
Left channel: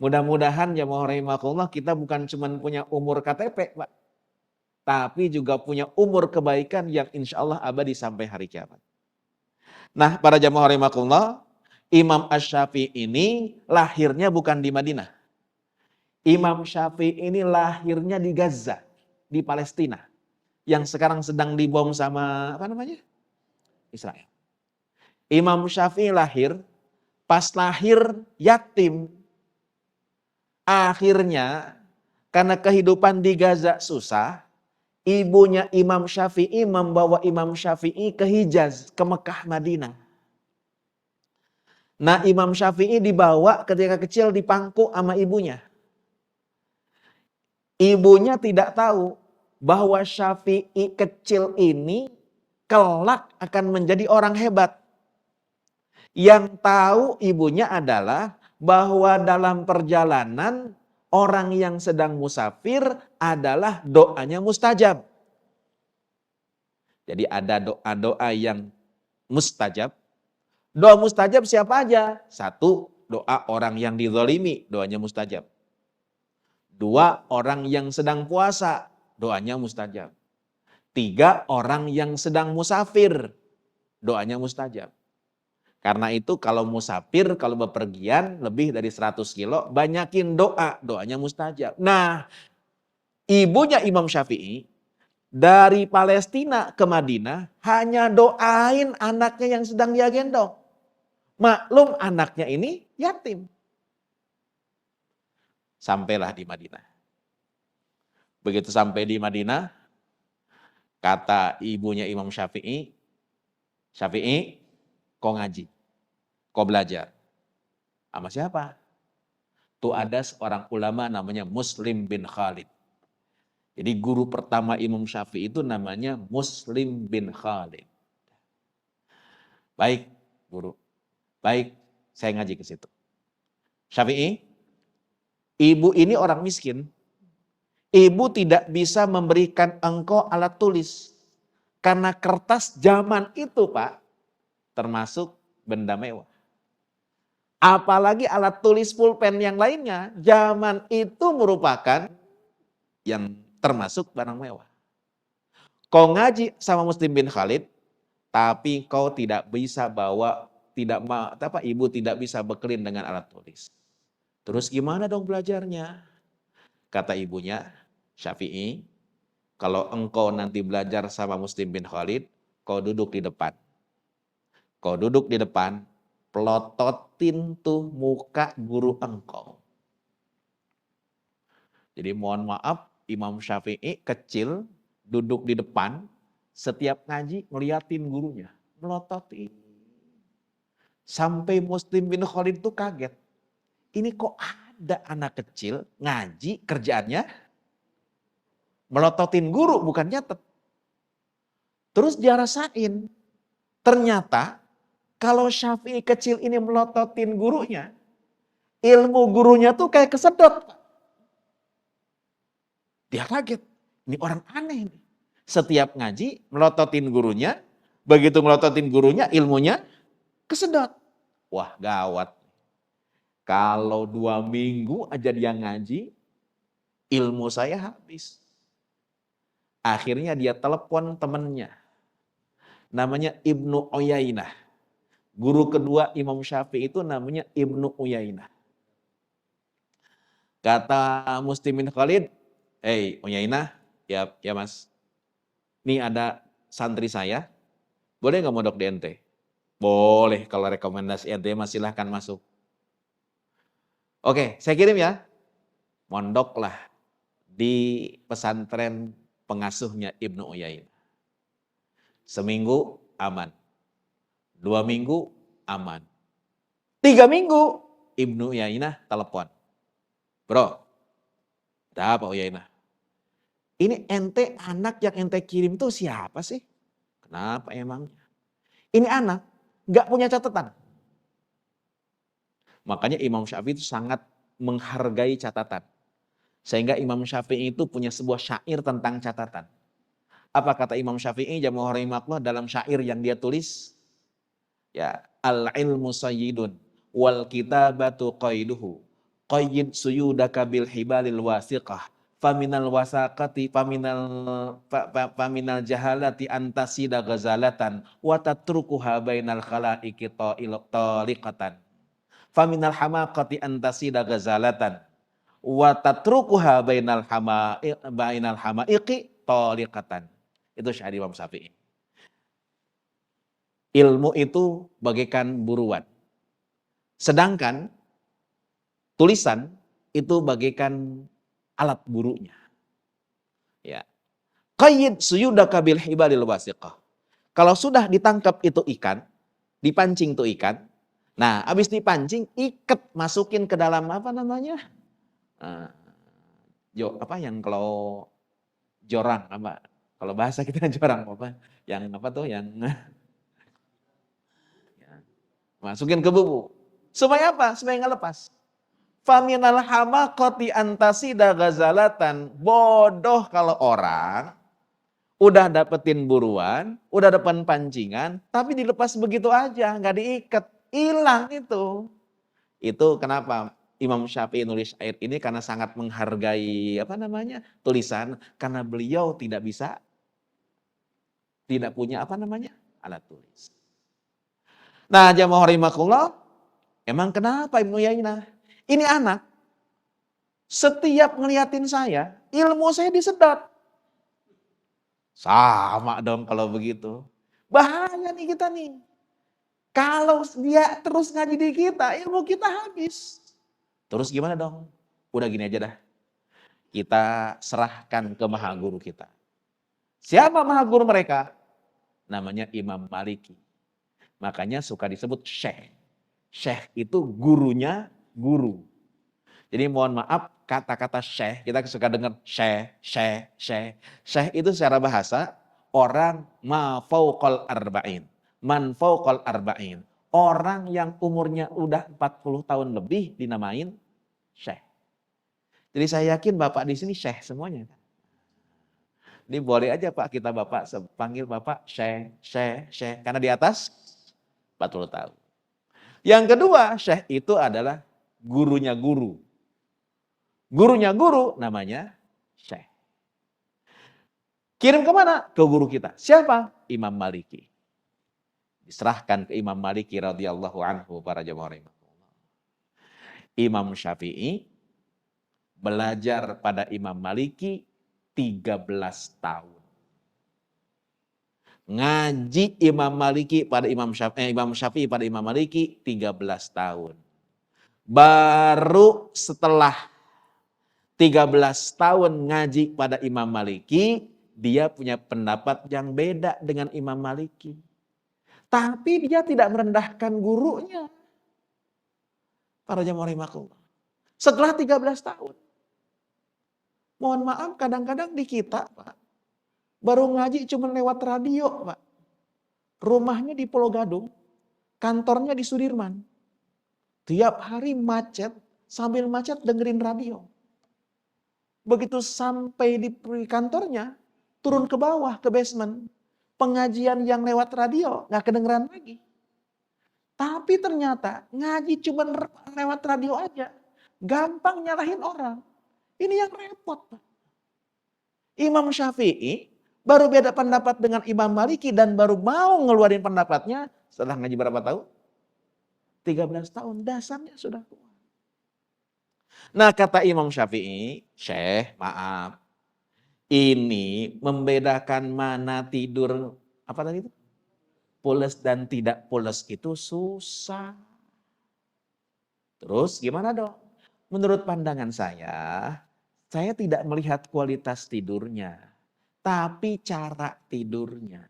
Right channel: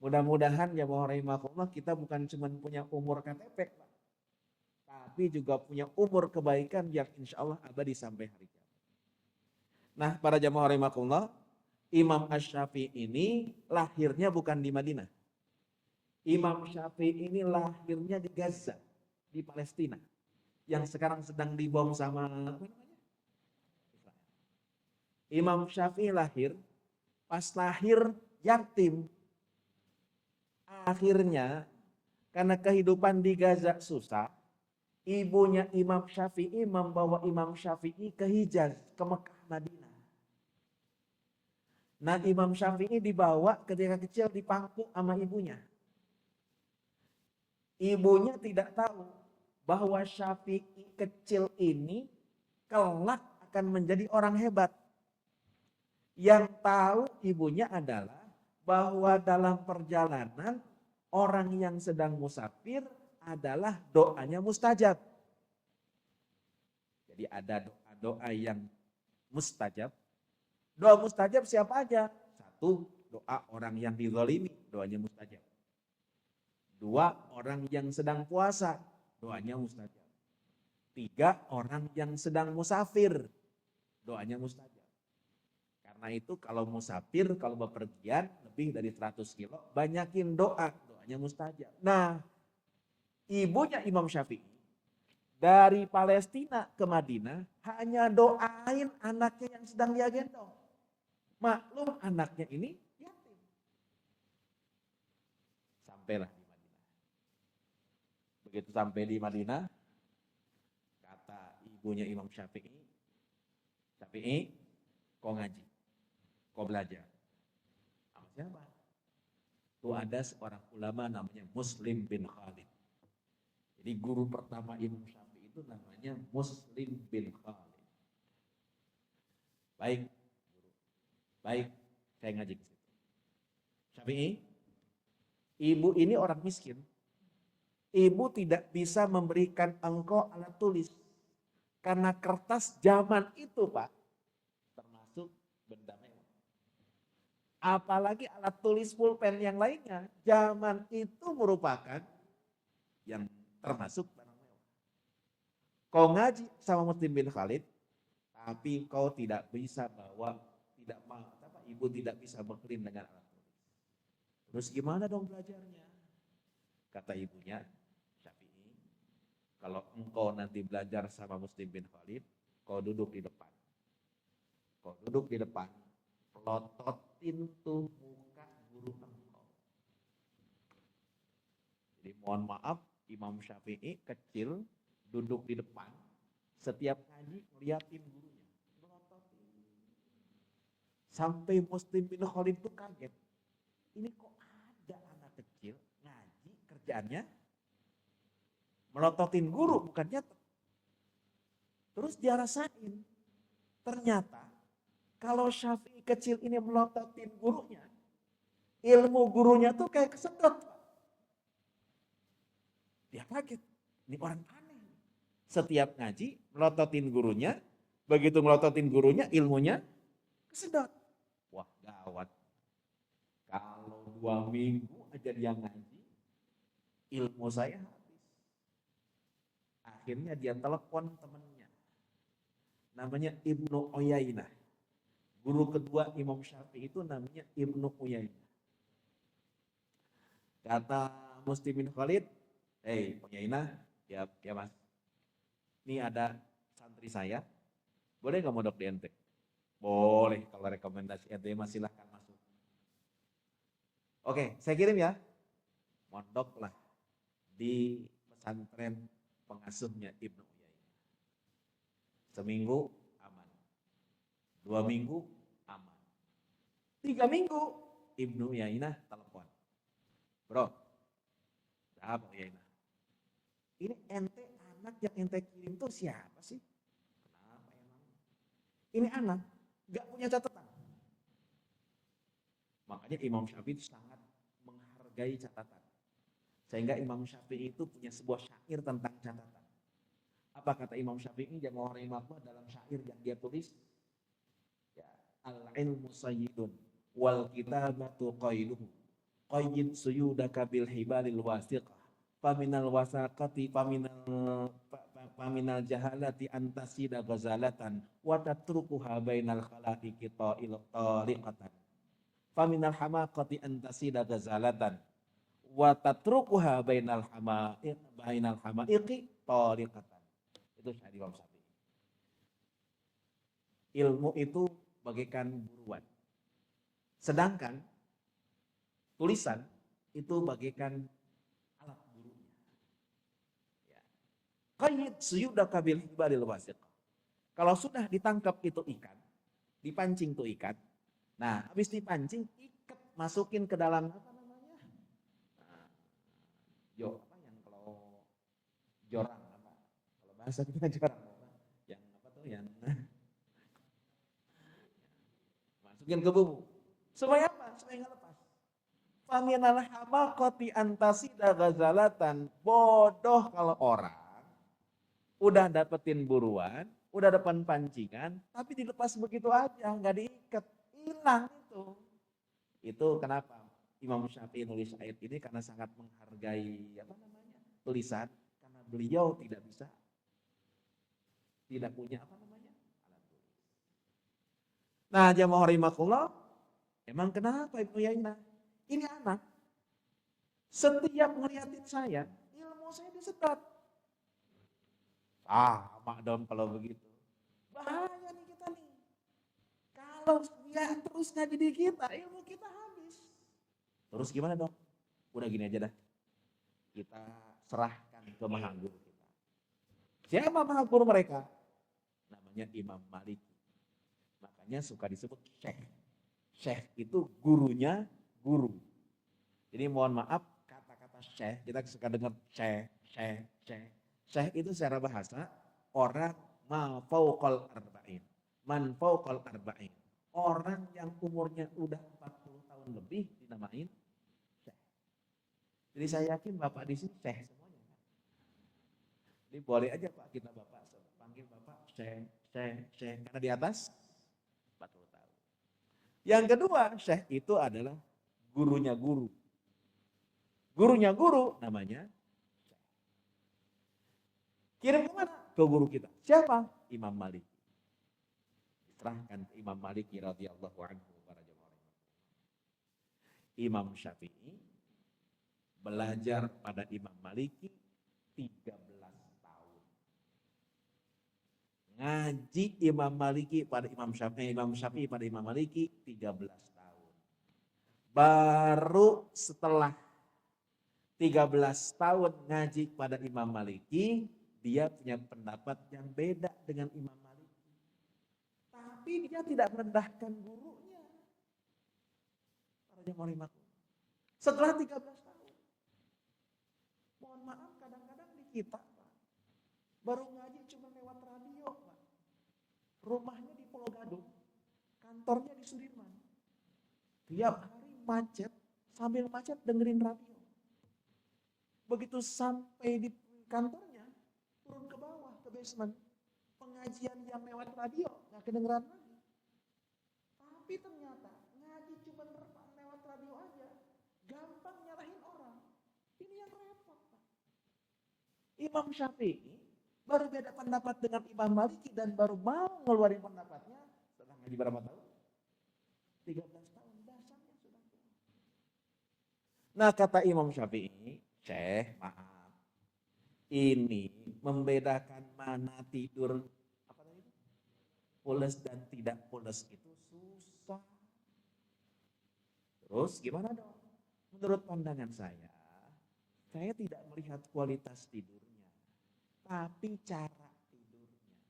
Mudah-mudahan jamaah rahimakumullah kita bukan cuma punya umur KTP, Pak, tapi juga punya umur kebaikan yang insya Allah abadi sampai hari kiamat. Nah, para jamaah rahimakumullah, Imam Asy-Syafi'i ini lahirnya bukan di Madinah. Imam Syafi'i ini lahirnya di Gaza, di Palestina, yang sekarang sedang dibom sama apa namanya? Israel. Imam Syafi'i lahir, pas lahir yatim. Akhirnya karena kehidupan di Gaza susah, ibunya Imam Syafi'i membawa Imam Syafi'i ke Hijaz, ke Mekah, Madinah. Nah, Imam Syafi'i dibawa ketika kecil dipangku sama ibunya. Ibunya tidak tahu bahwa Syafi'i kecil ini kelak akan menjadi orang hebat. Yang tahu ibunya adalah bahwa dalam perjalanan orang yang sedang musafir adalah doanya mustajab. Jadi ada doa-doa yang mustajab. Doa mustajab siapa aja? Satu, doa orang yang dizalimi, doanya mustajab. Dua, orang yang sedang puasa, doanya mustajab. Tiga, orang yang sedang musafir, doanya mustajab. Karena itu kalau musafir, kalau bepergian lebih dari 100 kilo, banyakin doa, doanya mustajab. Nah, ibunya Imam Syafi'i dari Palestina ke Madinah hanya doain anaknya yang sedang dia gendong. Maklum anaknya ini yatim. Sampailah di Madinah. Begitu sampai di Madinah, kata ibunya Imam Syafi'i, Syafi'i, kau ngaji, kau belajar. Sama siapa? Tuh ada seorang ulama namanya Muslim bin Khalid. Jadi guru pertama Imam Syafi'i itu namanya Muslim bin Khalid. Baik, guru. Baik, saya ngaji ke situ. Syafi'i, ibu ini orang miskin. Ibu tidak bisa memberikan engkau alat tulis. Karena kertas zaman itu, Pak, termasuk benda mewah. Apalagi alat tulis pulpen yang lainnya, zaman itu merupakan yang termasuk barang mewah. Kau ngaji sama Muslim bin Khalid, tapi kau tidak bisa bawa, ibu tidak bisa bekelin dengan alat tulis. Terus gimana dong belajarnya? Kata ibunya, Syafi'i, kalau engkau nanti belajar sama Muslim bin Khalid, kau duduk di depan. Kau duduk di depan, pelototin tuh muka guru engkau. Jadi mohon maaf, Imam Syafi'i kecil, duduk di depan, setiap ngaji ngeliatin gurunya, melototin. Sampai Muslim bin Khalid tuh kaget. Ini kok ada anak kecil ngaji kerjaannya melototin guru, bukan nyatet. Terus dia rasain, ternyata kalau Syafi'i kecil ini melototin gurunya, ilmu gurunya tuh kayak kesedot. Dia kaget, ini orang aneh ini. Setiap ngaji melototin gurunya, begitu melototin gurunya ilmunya kesedot. Wah gawat. Kalau 2 minggu aja dia ngaji, ilmu saya habis. Akhirnya dia telepon temannya. Namanya Ibnu Uyainah. Guru kedua Imam Syafi'i itu namanya Ibnu Uyainah. Kata Muslim bin Khalid, "Hei Uyainah, ya mas. Nih ada santri saya, boleh nggak mondok di ente?" "Boleh, kalau rekomendasi ente mas silahkan masuk." "Oke, saya kirim ya." Mondoklah di pesantren pengasuhnya Ibnu Uyainah. Seminggu aman. 2 minggu aman. 3 minggu Ibnu Uyainah telepon. "Bro, ada apa Uyainah? Ini ente anak yang ente kirim tuh siapa sih? Kenapa emang? Ini anak nggak punya catatan." Makanya Imam Syafi'i itu sangat menghargai catatan. Sehingga Imam Syafi'i itu punya sebuah syair tentang catatan. Apa kata Imam Syafi'i jamaah rahimakumullah dalam syair yang dia tulis? Ya, al-ilmu sayyidun wal kitabatu qaiduhu. Qayyid suyudaka bil hibalil wasiqah. Faminal wasaqati faminal jahalati antasida ghazalatan wa tatrukuha bainal khalaiqi taliqatan. Faminal hamaqati antasida ghazalatan wa tatrukuha bainal hamaiqi taliqatan. Itu syair Imam Syafi'i. Ilmu itu bagaikan buruan. Sedangkan tulisan itu bagaikan alat burunya. Ya. Qayyid suyudaka bil hibalil wasiqah. Kalau sudah ditangkap itu ikan, dipancing itu ikan. Nah, habis dipancing, ikat masukin ke dalam apa namanya? Apa yang kalau jorang apa? Kalau bahasa kita jorang apa? Yang apa tuh? Yang masukin ke bubu. Supaya apa? Supaya nggak lepas. Faminal hamaqati antasida ghazalatan. Bodoh kalau orang udah dapetin buruan, udah dapetin pancingan, tapi dilepas begitu aja, nggak diikat, hilang itu. Itu kenapa Imam Syafi'i nulis syair ini karena sangat menghargai apa namanya tulisan, karena beliau tidak punya apa namanya alat tulis. Nah, jamaah rahimakumullah, emang kenapa Ibnu Yainah? Ini anak, setiap ngeliatin saya, ilmu saya disedot. Sama dong kalau begitu. Bahaya nih kita nih. Kalau dia terus ngaji di kita, ilmu kita habis. Terus gimana dong? Udah gini aja dah. Kita serahkan ke maha guru kita. Siapa maha guru mereka? Namanya Imam Maliki. Makanya suka disebut syekh. Syekh itu gurunya guru. Jadi mohon maaf kata-kata syekh, kita suka dengar syekh. Syekh itu secara bahasa orang ma fauqal arba'in. Man fauqal arba'in. Orang yang umurnya udah 40 tahun lebih dinamain syekh. Jadi saya yakin Bapak di sini syekh semuanya. Ini boleh aja Pak kita Bapak panggil Bapak syekh. Karena di atas 40 tahun. Yang kedua, syekh itu adalah gurunya guru. Gurunya guru namanya syekh. Kirim kemana? Ke guru kita. Siapa? Imam Maliki. Diserahkan ke Imam Maliki radhiyallahu anhu para jamaah. Imam Syafi'i belajar pada Imam Maliki 13 tahun. Ngaji Imam Maliki pada Imam Syafi'i pada Imam Maliki 13 tahun. Baru setelah 13 tahun ngaji pada Imam Maliki, dia punya pendapat yang beda dengan Imam Maliki. Tapi dia tidak merendahkan gurunya. Para jamaah rahimakumullah. Setelah 13 tahun. Mohon maaf kadang-kadang di kita Pak, baru ngaji cuma lewat radio Pak. Rumahnya di Pulau Gadung, kantornya di Sudirman. Tiap hari macet, sambil macet dengerin radio. Begitu sampai di kantornya, turun ke bawah, ke basement. Pengajian yang lewat radio, gak kedengeran lagi. Tapi ternyata ngaji cuma lewat radio aja. Gampang nyalahin orang. Ini yang repot. Imam Syafi'i baru beda pendapat dengan Imam Maliki dan baru mau ngeluarin pendapatnya setelah ngaji berapa tahun? 13 tahun, dasarnya sudah kuat. Nah kata Imam Syafi'i, Syekh maaf, ini membedakan mana tidur, apa tadi itu? Pules dan tidak pules itu susah. Terus gimana dong? Menurut pandangan saya tidak melihat kualitas tidurnya, tapi cara tidurnya.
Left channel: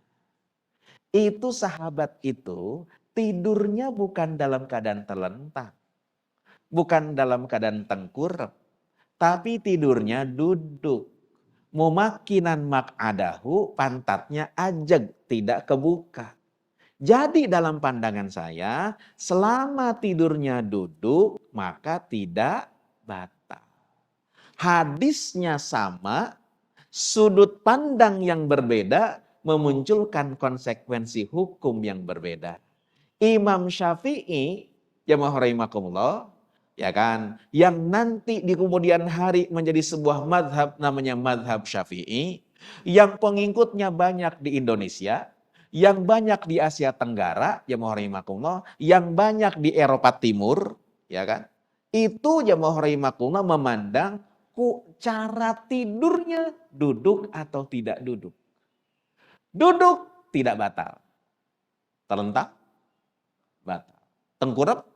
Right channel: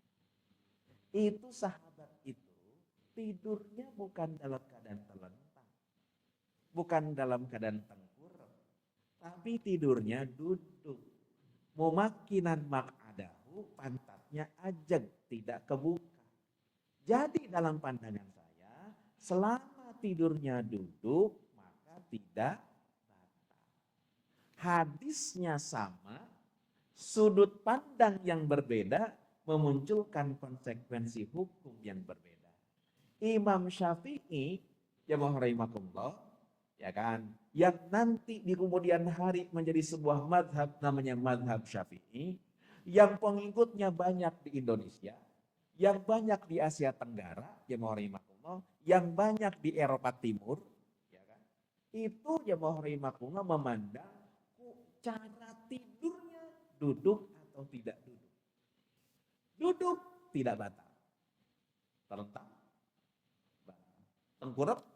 Itu sahabat itu tidurnya bukan dalam keadaan terlentang, bukan dalam keadaan tengkurap, tapi tidurnya duduk. Mumakinan mak'adahu, pantatnya ajeg, tidak kebuka. Jadi dalam pandangan saya, selama tidurnya duduk, maka tidak batal. Hadisnya sama, sudut pandang yang berbeda memunculkan konsekuensi hukum yang berbeda. Imam Syafi'i, jamaah rahimakumullah, ya kan, yang nanti di kemudian hari menjadi sebuah madhab namanya madhab Syafi'i, yang pengikutnya banyak di Indonesia, yang banyak di Asia Tenggara, jamaah rahimakumullah, yang banyak di Eropa Timur, ya kan, itu jamaah rahimakumullah memandang cara tidurnya duduk atau tidak duduk. Duduk tidak batal. Terlentang batal. Tengkurap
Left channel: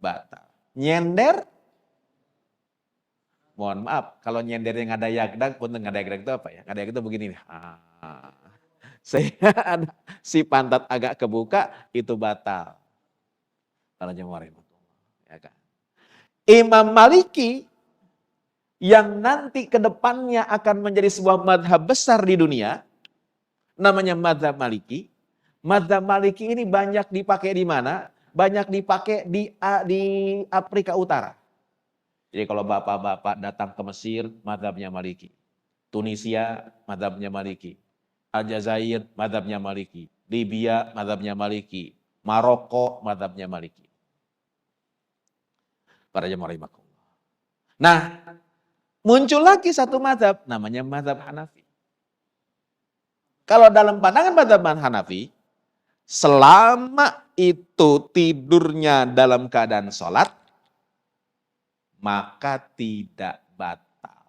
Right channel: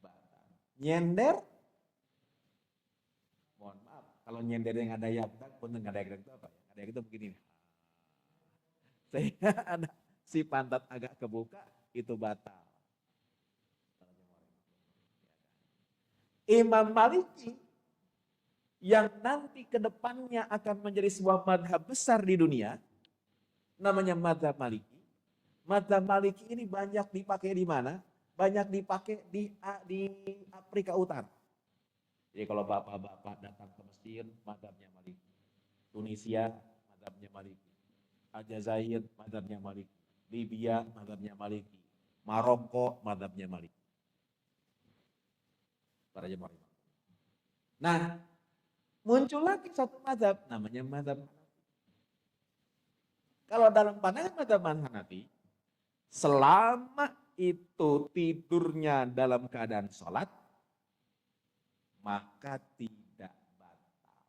batal. Nyender, mohon maaf, kalau nyendernya nggak ada yagdag, pun nggak ada yagdag itu apa ya? Nggak ada yagdag itu begini nih. Saya ada si pantat agak kebuka, itu batal. Kalau jemaah ya kan. Imam Maliki yang nanti ke depannya akan menjadi sebuah madhab besar di dunia, namanya madhab Maliki. Madhab Maliki ini banyak dipakai di mana? Banyak dipakai di Afrika Utara. Jadi kalau bapak-bapak datang ke Mesir, madhabnya Maliki. Tunisia, madhabnya Maliki. Aljazair, madhabnya Maliki. Libya, madhabnya Maliki. Maroko, madhabnya Maliki. Para jemaah rahimakumullah. Nah, muncul lagi satu madhab, namanya madhab Hanafi. Kalau dalam pandangan madhab Hanafi, selama itu tidurnya dalam keadaan sholat, maka tidak batal.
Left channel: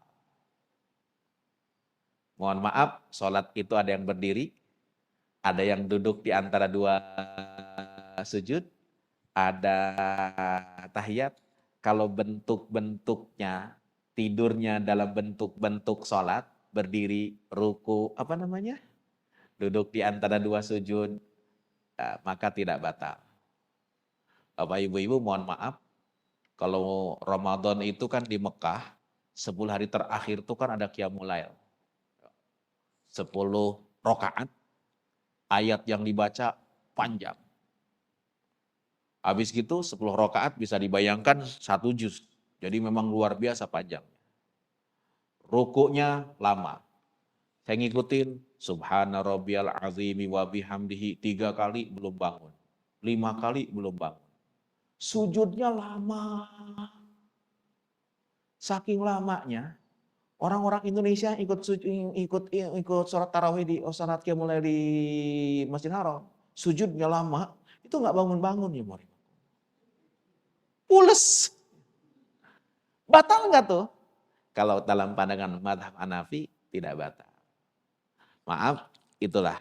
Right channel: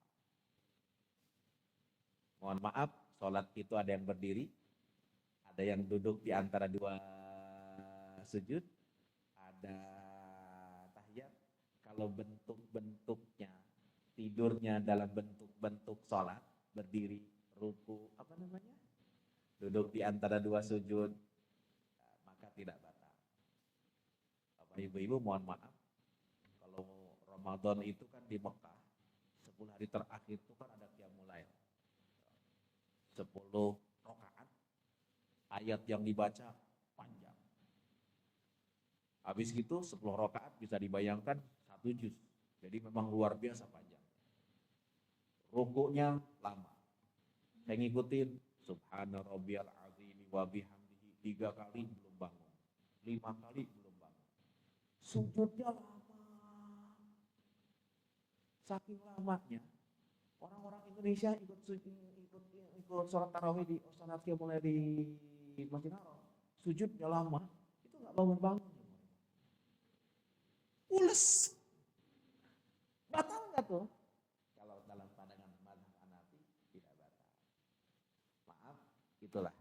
Mohon maaf, sholat itu ada yang berdiri, ada yang duduk di antara dua sujud, ada tahiyat. Kalau bentuk-bentuknya, tidurnya dalam bentuk-bentuk sholat, berdiri, ruku, apa namanya? Duduk di antara dua sujud, maka tidak batal. Bapak ibu-ibu mohon maaf, kalau Ramadan itu kan di Mekah, 10 hari terakhir itu kan ada Qiyamul Lail. 10 rakaat, ayat yang dibaca panjang. Habis gitu 10 rakaat bisa dibayangkan 1 juz. Jadi memang luar biasa panjang. Rukuknya lama. Saya ngikutin, subhana rabbiyal azimi wa bihamdihi 3 kali belum bangun. 5 kali belum bangun. Sujudnya lama. Saking lamanya, orang-orang Indonesia ikut sholat tarawih di sholat Qiyamul Lail di Masjid Haram. Sujudnya lama, itu nggak bangun-bangun ya, Mori. Pules. Batal nggak tuh? Kalau dalam pandangan madhab Hanafi, tidak batal. Maaf, itulah.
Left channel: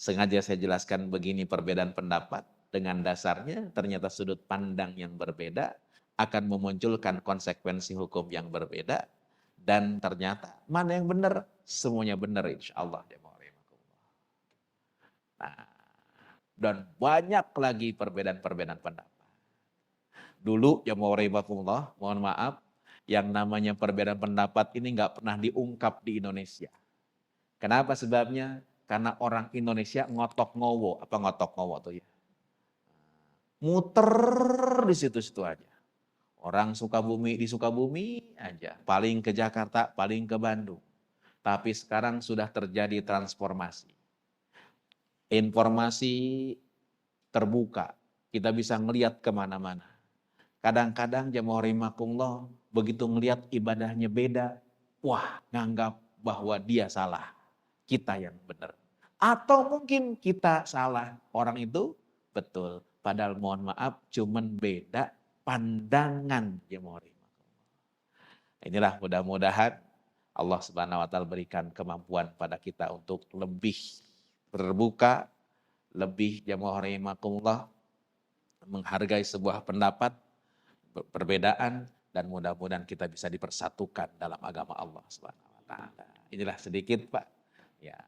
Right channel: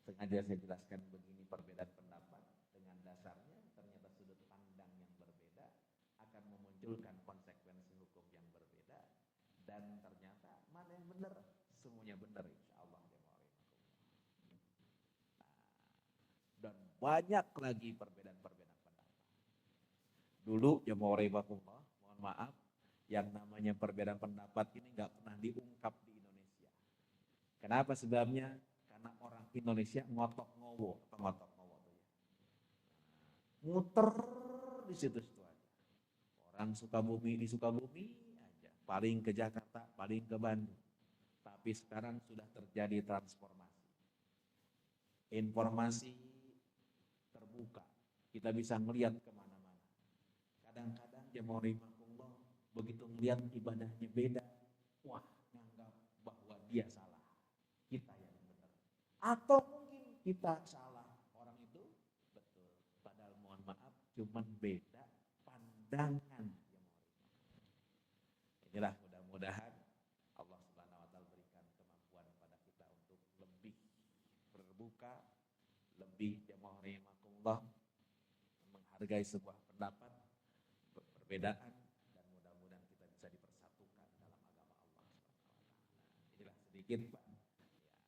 Sengaja saya jelaskan begini perbedaan pendapat. Dengan dasarnya ternyata sudut pandang yang berbeda akan memunculkan konsekuensi hukum yang berbeda. Dan ternyata mana yang benar? Semuanya benar insya Allah. Nah, dan banyak lagi perbedaan-perbedaan pendapat. Dulu ya mohon maaf, yang namanya perbedaan pendapat ini nggak pernah diungkap di Indonesia. Kenapa sebabnya? Karena orang Indonesia ngotok ngowo. Apa ngotok ngowo tuh ya? Muter di situ-situ aja. Orang Sukabumi di Sukabumi aja. Paling ke Jakarta, paling ke Bandung. Tapi sekarang sudah terjadi transformasi. Informasi terbuka. Kita bisa ngelihat kemana-mana. Kadang-kadang jamaah rahimakumullah begitu ngelihat ibadahnya beda. Wah, nganggap bahwa dia salah. Kita yang benar. Atau mungkin kita salah. Orang itu betul. Padahal mohon maaf cuman beda pandangan jamaah rahimakumullah. Inilah mudah-mudahan Allah Subhanahu wa taala berikan kemampuan pada kita untuk lebih terbuka, lebih jamaah rahimakumullah menghargai sebuah pendapat, perbedaan, dan mudah-mudahan kita bisa dipersatukan dalam agama Allah Subhanahu wa taala. Inilah sedikit Pak, ya,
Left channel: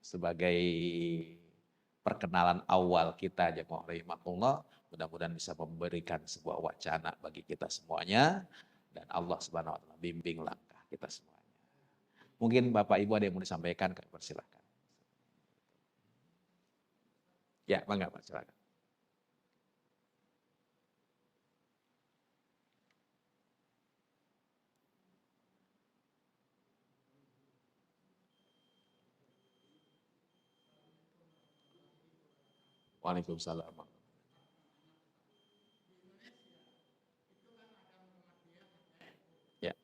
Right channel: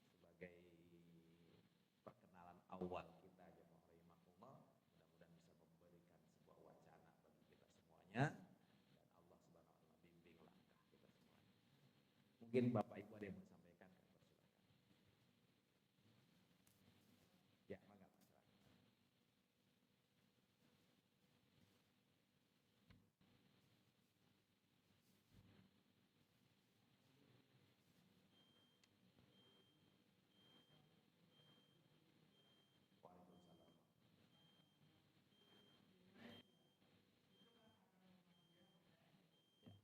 sebagai perkenalan awal kita jamaah rahimakumullah, mudah-mudahan bisa memberikan sebuah wacana bagi kita semuanya dan Allah Subhanahu wa taala bimbing langkah kita semuanya. Mungkin Bapak Ibu ada yang mau disampaikan, kami persilahkan. Ya, bangga Pak, silakan. Waalaikumsalam. Ya.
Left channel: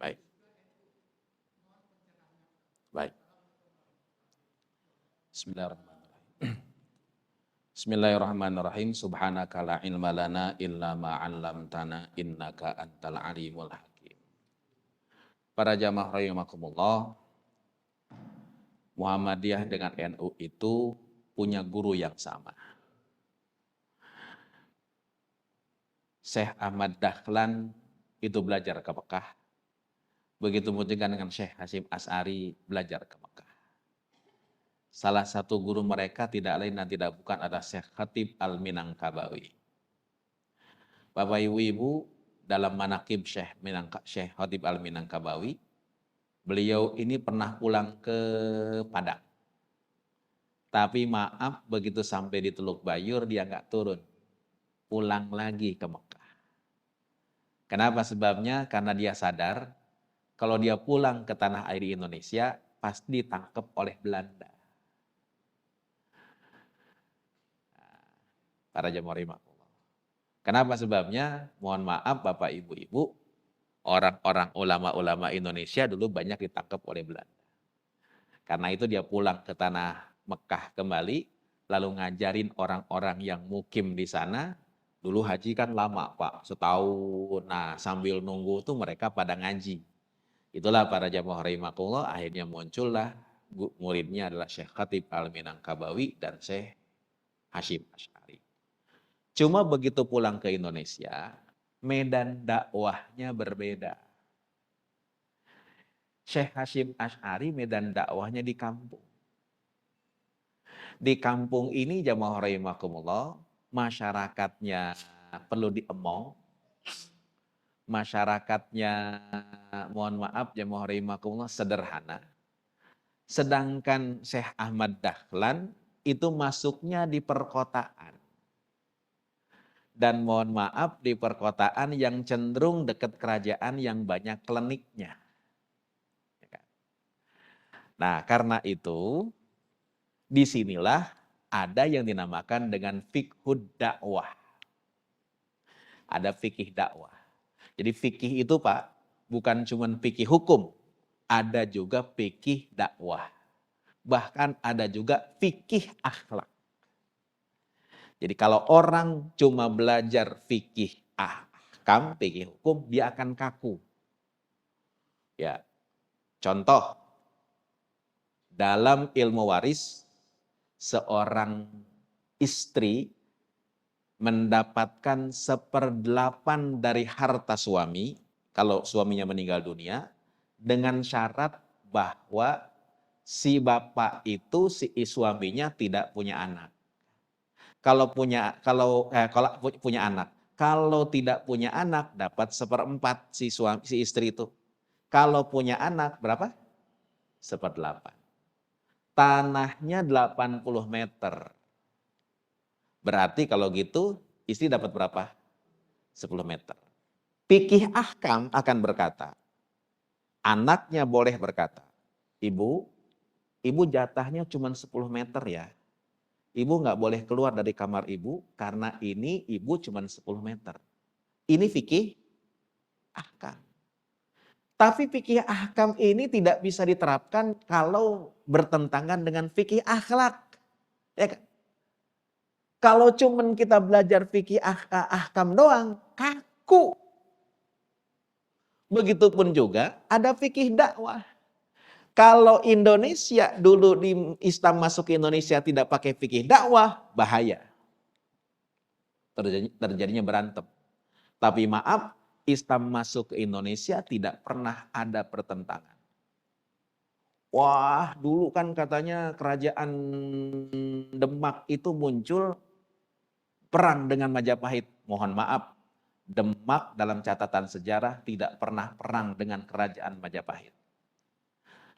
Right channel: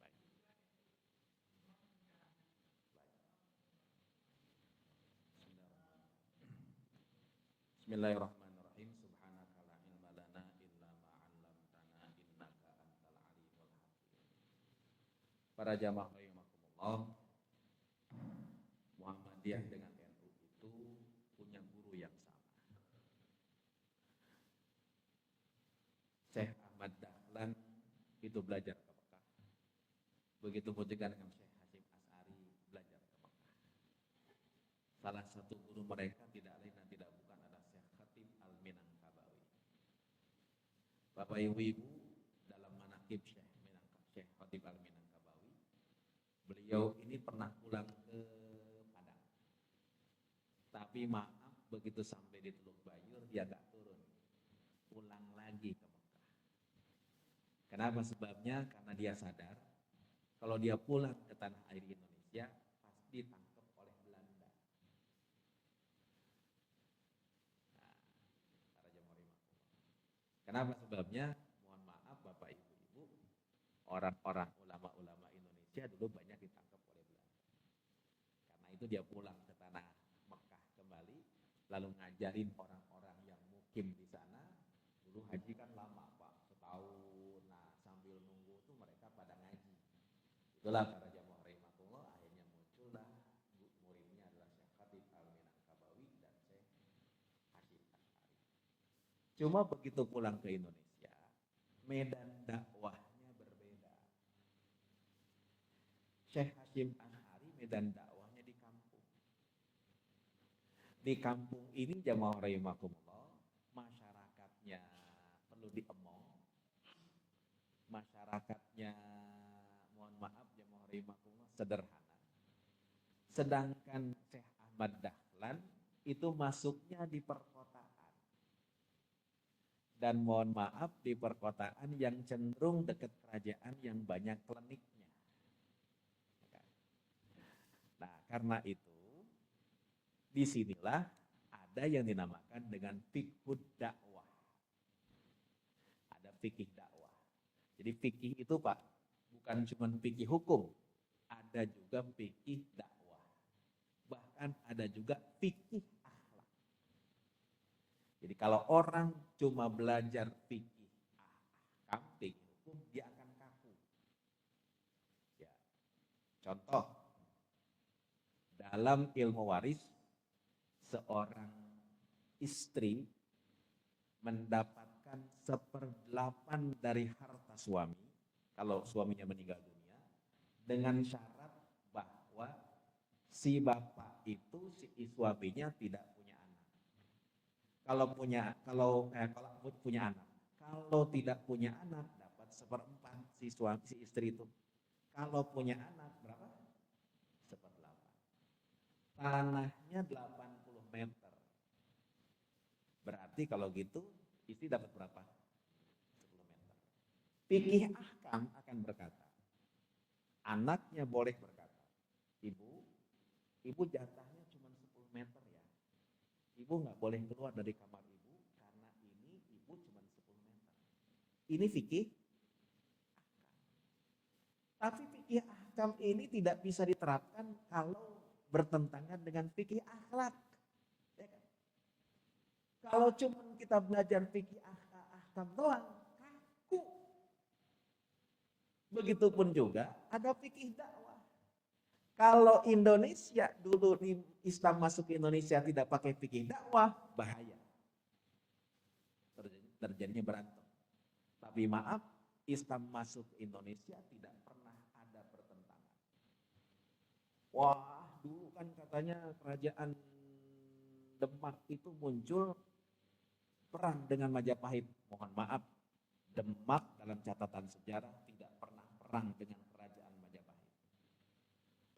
Baik. Baik. Bismillahirrahmanirrahim. Bismillahirrahmanirrahim. Subhanaka la ilma lana illa ma 'allamtana innaka antal alimul hakim. Para jamaah rahimakumullah, Muhammadiyah dengan NU itu punya guru yang sama. Syekh Ahmad Dahlan itu belajar ke Mekah. Begitu juga dengan Syekh Hasyim Asy'ari belajar ke Mekah. Salah satu guru mereka tidak lain dan tidak bukan adalah Syekh Khatib Al-Minangkabawi. Bapak Ibu, dalam manaqib Syekh Khatib Al-Minangkabawi, beliau ini pernah pulang ke Padang. Tapi maaf, begitu sampai di Teluk Bayur dia nggak turun. Pulang lagi ke Mekah. Kenapa sebabnya? Karena dia sadar kalau dia pulang ke tanah air Indonesia pasti ditangkap oleh Belanda. Para jamaah rahimakumullah. Kenapa sebabnya? Mohon maaf Bapak Ibu-ibu, orang-orang ulama-ulama Indonesia dulu banyak ditangkap oleh Belanda. Karena itu dia pulang ke tanah Mekah kembali, lalu ngajarin orang-orang yang mukim di sana. Dulu haji kan lama Pak, setahun. Nah sambil nunggu tuh mereka pada ngaji. Itulah para jamaah rahimakumullah, akhirnya muncullah muridnya adalah Syekh Khatib Al-Minangkabawi dan Syekh Hasyim Asy'ari. Cuma begitu pulang ke Indonesia, medan dakwahnya berbeda. Syekh Hasyim Asy'ari medan dakwahnya di kampung. Di kampung ini jamaah rahimakumullah, masyarakatnya perlu diemong, masyarakatnya mohon maaf jamaah rahimakumullah sederhana. Sedangkan Syekh Ahmad Dahlan itu masuknya di perkotaan. Dan mohon maaf di perkotaan yang cenderung dekat kerajaan yang banyak kliniknya. Nah karena itu disinilah ada yang dinamakan dengan fiqhud dakwah. Ada fikih dakwah. Jadi fikih itu Pak bukan cuma fikih hukum, ada juga fikih dakwah. Bahkan ada juga fikih akhlak. Jadi kalau orang cuma belajar fikih ahkam, fikih hukum, dia akan kaku. Ya, contoh, dalam ilmu waris, seorang istri mendapatkan 1/8 dari harta suami, kalau suaminya meninggal dunia, dengan syarat bahwa si bapak itu, si suaminya tidak punya anak. Kalau punya anak, kalau tidak punya anak dapat 1/4 si istri itu. Kalau punya anak berapa? 1/8. Tanahnya 80 meter. Berarti kalau gitu istri dapat berapa? 10 meter. Fikih ahkam akan berkata, anaknya boleh berkata, ibu jatahnya cuma 10 meter ya. Ibu nggak boleh keluar dari kamar ibu karena ini ibu cuma 10 meter. Ini fikih ahkam. Tapi fikih ahkam ini tidak bisa diterapkan kalau bertentangan dengan fikih akhlak. Ya kan? Kalau cuma kita belajar fikih ahkam doang, kaku. Begitupun juga ada fikih dakwah. Kalau Indonesia dulu di Islam masuk ke Indonesia tidak pakai fikih dakwah, bahaya. Terjadinya berantem. Tapi maaf, Islam masuk ke Indonesia tidak pernah ada pertentangan. Wah, dulu kan katanya kerajaan Demak itu muncul perang dengan Majapahit. Mohon maaf, Demak dalam catatan sejarah tidak pernah perang dengan kerajaan Majapahit.